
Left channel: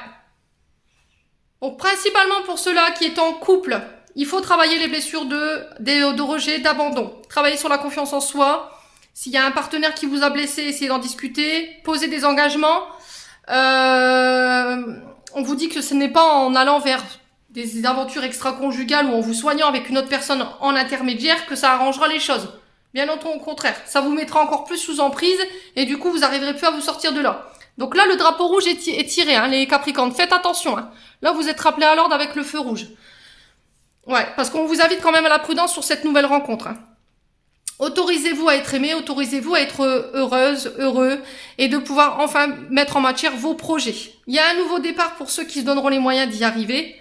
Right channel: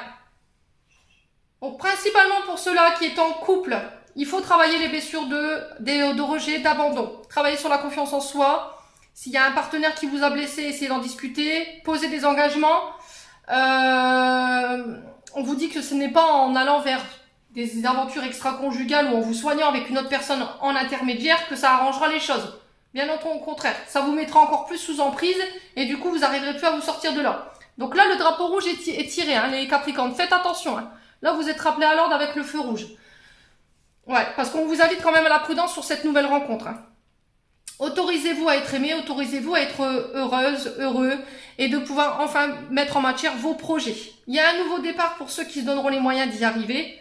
Donc, principalement pour ceux-là qui est en couple, il faut travailler les blessures de rejet, d'abandon. Travailler sur la confiance en soi. S'il y a un partenaire qui vous a blessé, essayez d'en discuter. Poser des engagements. On vous dit que ce n'est pas en allant vers des aventures extra-conjugales ou en vous soignant avec une autre personne en intermédiaire que ça arrangera les choses. Bien au contraire, ça vous mettra encore plus sous emprise et du coup vous n'arriverez plus à vous sortir de là. Donc là le drapeau rouge est tiré, hein, les Capricornes, faites attention. Hein. Là vous êtes rappelés à l'ordre avec le feu rouge. Ouais, parce qu'on vous invite quand même à la prudence sur cette nouvelle rencontre. Hein. Autorisez-vous à être aimé, autorisez-vous à être heureuse, heureux et de pouvoir enfin mettre en matière vos projets. Il y a un nouveau départ pour ceux qui se donneront les moyens d'y arriver.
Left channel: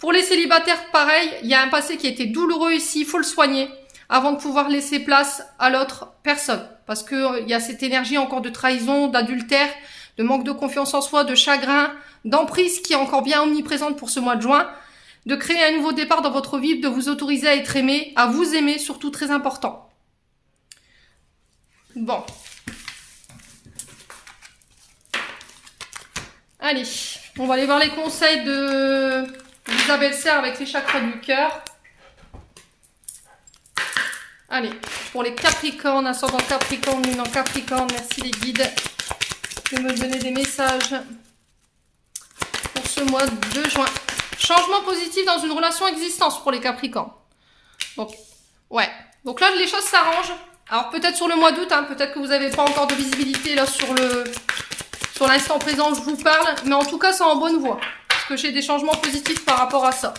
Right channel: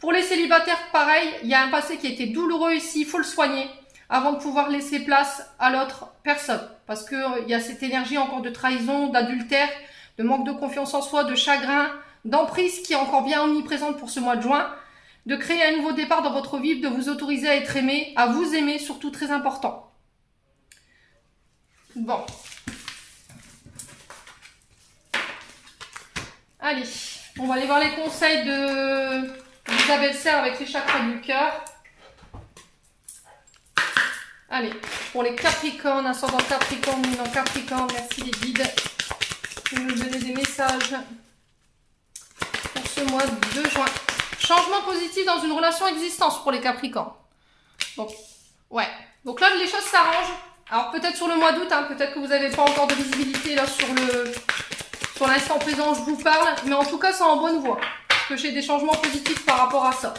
Pour les célibataires, pareil, il y a un passé qui a été douloureux ici, il faut le soigner avant de pouvoir laisser place à l'autre personne. Parce que il y a cette énergie encore de trahison, d'adultère, de manque de confiance en soi, de chagrin, d'emprise qui est encore bien omniprésente pour ce mois de juin. De créer un nouveau départ dans votre vie, de vous autoriser à être aimé, à vous aimer, surtout très important. Bon. Allez, on va aller voir les conseils d'Isabelle Serre avec les chakras du cœur. Allez, pour les Capricornes, ascendant Capricorne, lune en Capricorne, merci les guides de me donner des messages pour ce mois de juin. Changement positif dans une relation existence pour les Capricornes. Donc, ouais. Donc là, les choses s'arrangent. Alors peut-être sur le mois d'août, hein, peut-être que vous n'avez pas encore de visibilité là sur l'instant présent, je vous parle. Mais en tout cas, c'est en bonne voie. Parce que j'ai des changements positifs par rapport à ça.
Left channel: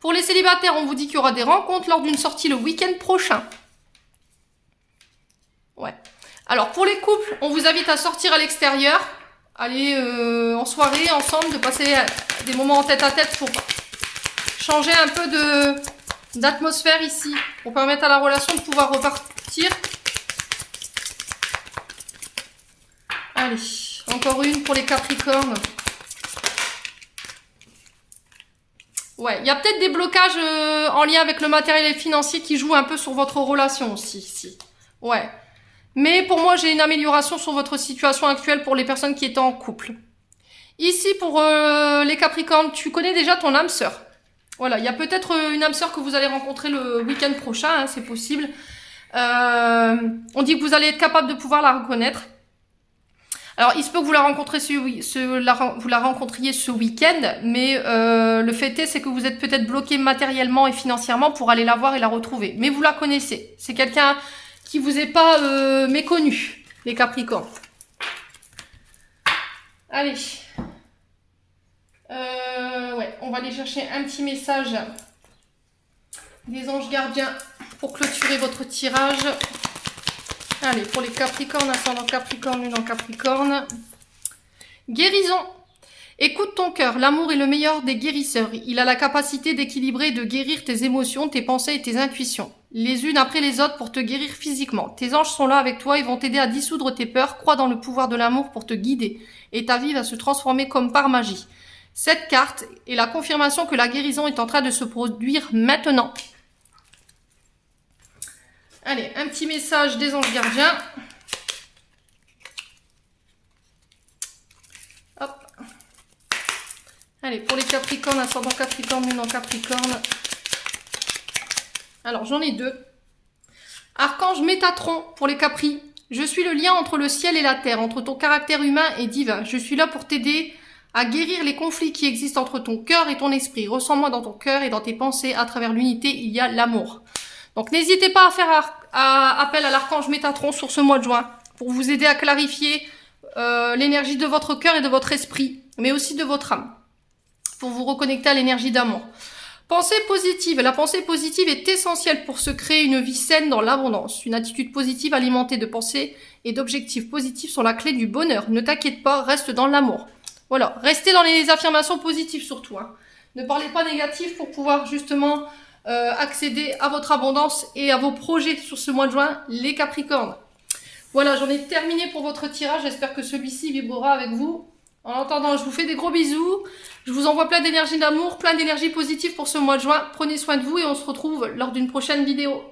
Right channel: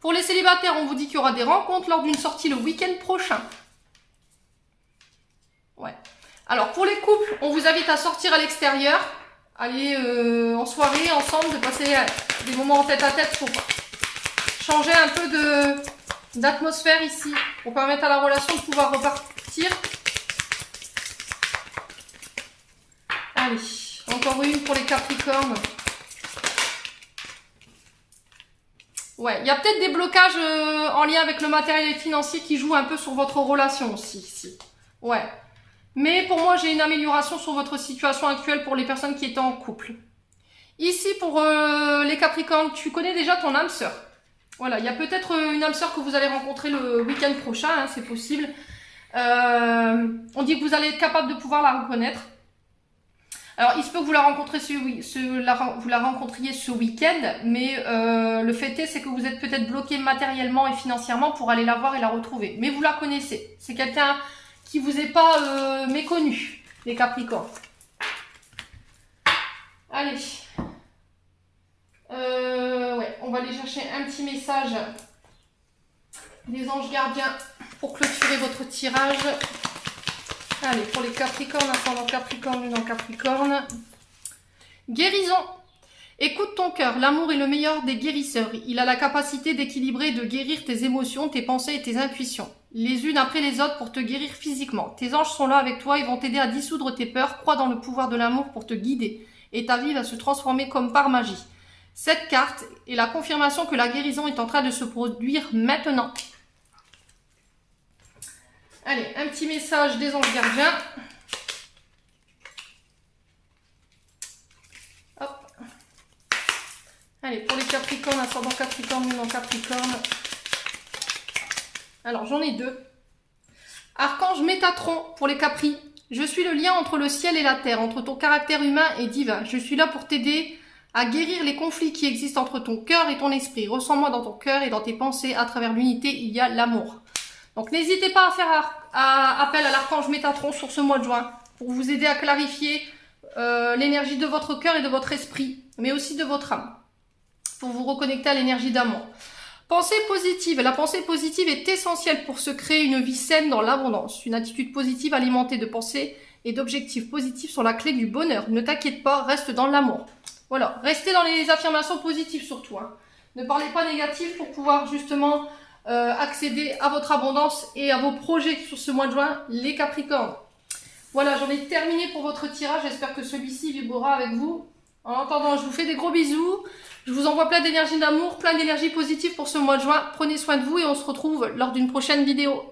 Pour les célibataires, on vous dit qu'il y aura des rencontres lors d'une sortie le week-end prochain. Ouais. Alors pour les couples, on vous invite à sortir à l'extérieur. Aller en soirée ensemble, de passer des moments en tête-à-tête pour changer un peu d'atmosphère ici. Pour permettre à la relation de pouvoir repartir. Allez, encore une pour les Capricornes. Ouais, il y a peut-être des blocages en lien avec le matériel et financier qui jouent un peu sur votre relation aussi, ici. Ouais. Mais pour moi, j'ai une amélioration sur votre situation actuelle pour les personnes qui étaient en couple. Ici, pour les Capricornes, tu connais déjà ton âme sœur. Voilà, il y a peut-être une âme sœur que vous allez rencontrer le week-end prochain, hein, c'est possible. On dit que vous allez être capable de pouvoir la reconnaître. Alors, il se peut que vous la rencontriez ce week-end, mais le fait est, c'est que vous êtes peut-être bloqué matériellement et financièrement pour aller la voir et la retrouver. Mais vous la connaissez. C'est quelqu'un qui vous est pas méconnu, les Capricornes. Allez. Ouais, on va aller chercher un petit message des anges gardiens pour clôturer votre tirage. Allez, pour les Capricornes, ascendant Capricorne, lune en Capricorne. Guérison. Écoute ton cœur, l'amour est le meilleur des guérisseurs. Il a la capacité d'équilibrer et de guérir tes émotions, tes pensées et tes intuitions. Les unes après les autres pour te guérir physiquement. Tes anges sont là avec toi, ils vont t'aider à dissoudre tes peurs. Crois dans le pouvoir de l'amour pour te guider. Et ta vie va se transformer comme par magie. Cette carte est la confirmation que la guérison est en train de se produire maintenant. Allez, un petit message des anges gardiens. Hop. Allez, pour les Capricornes, ascendant Capricorne, lune en Capricorne. Alors, j'en ai deux. Archange l'archange Métatron pour les Capris. Je suis le lien entre le ciel et la terre, entre ton caractère humain et divin. Je suis là pour t'aider à guérir les conflits qui existent entre ton cœur et ton esprit. Ressens-moi dans ton cœur et dans tes pensées. À travers l'unité, il y a l'amour. Donc n'hésitez pas à faire appel à l'archange Métatron sur ce mois de juin pour vous aider à clarifier l'énergie de votre cœur et de votre esprit, mais aussi de votre âme, pour vous reconnecter à l'énergie d'amour. Pensée positive. La pensée positive est essentielle pour se créer une vie saine dans l'abondance. Une attitude positive alimentée de pensées et d'objectifs positifs sont la clé du bonheur. Ne t'inquiète pas, reste dans l'amour. Voilà, restez dans les affirmations positives surtout. Hein. Ne parlez pas négatif pour pouvoir justement accéder à votre abondance et à vos projets sur ce mois de juin, les Capricornes. Voilà, j'en ai terminé pour votre tirage. J'espère que celui-ci vibrera avec vous. En attendant, je vous fais des gros bisous. Je vous envoie plein d'énergie d'amour, plein d'énergie positive pour ce mois de juin. Prenez soin de vous et on se retrouve lors d'une prochaine vidéo.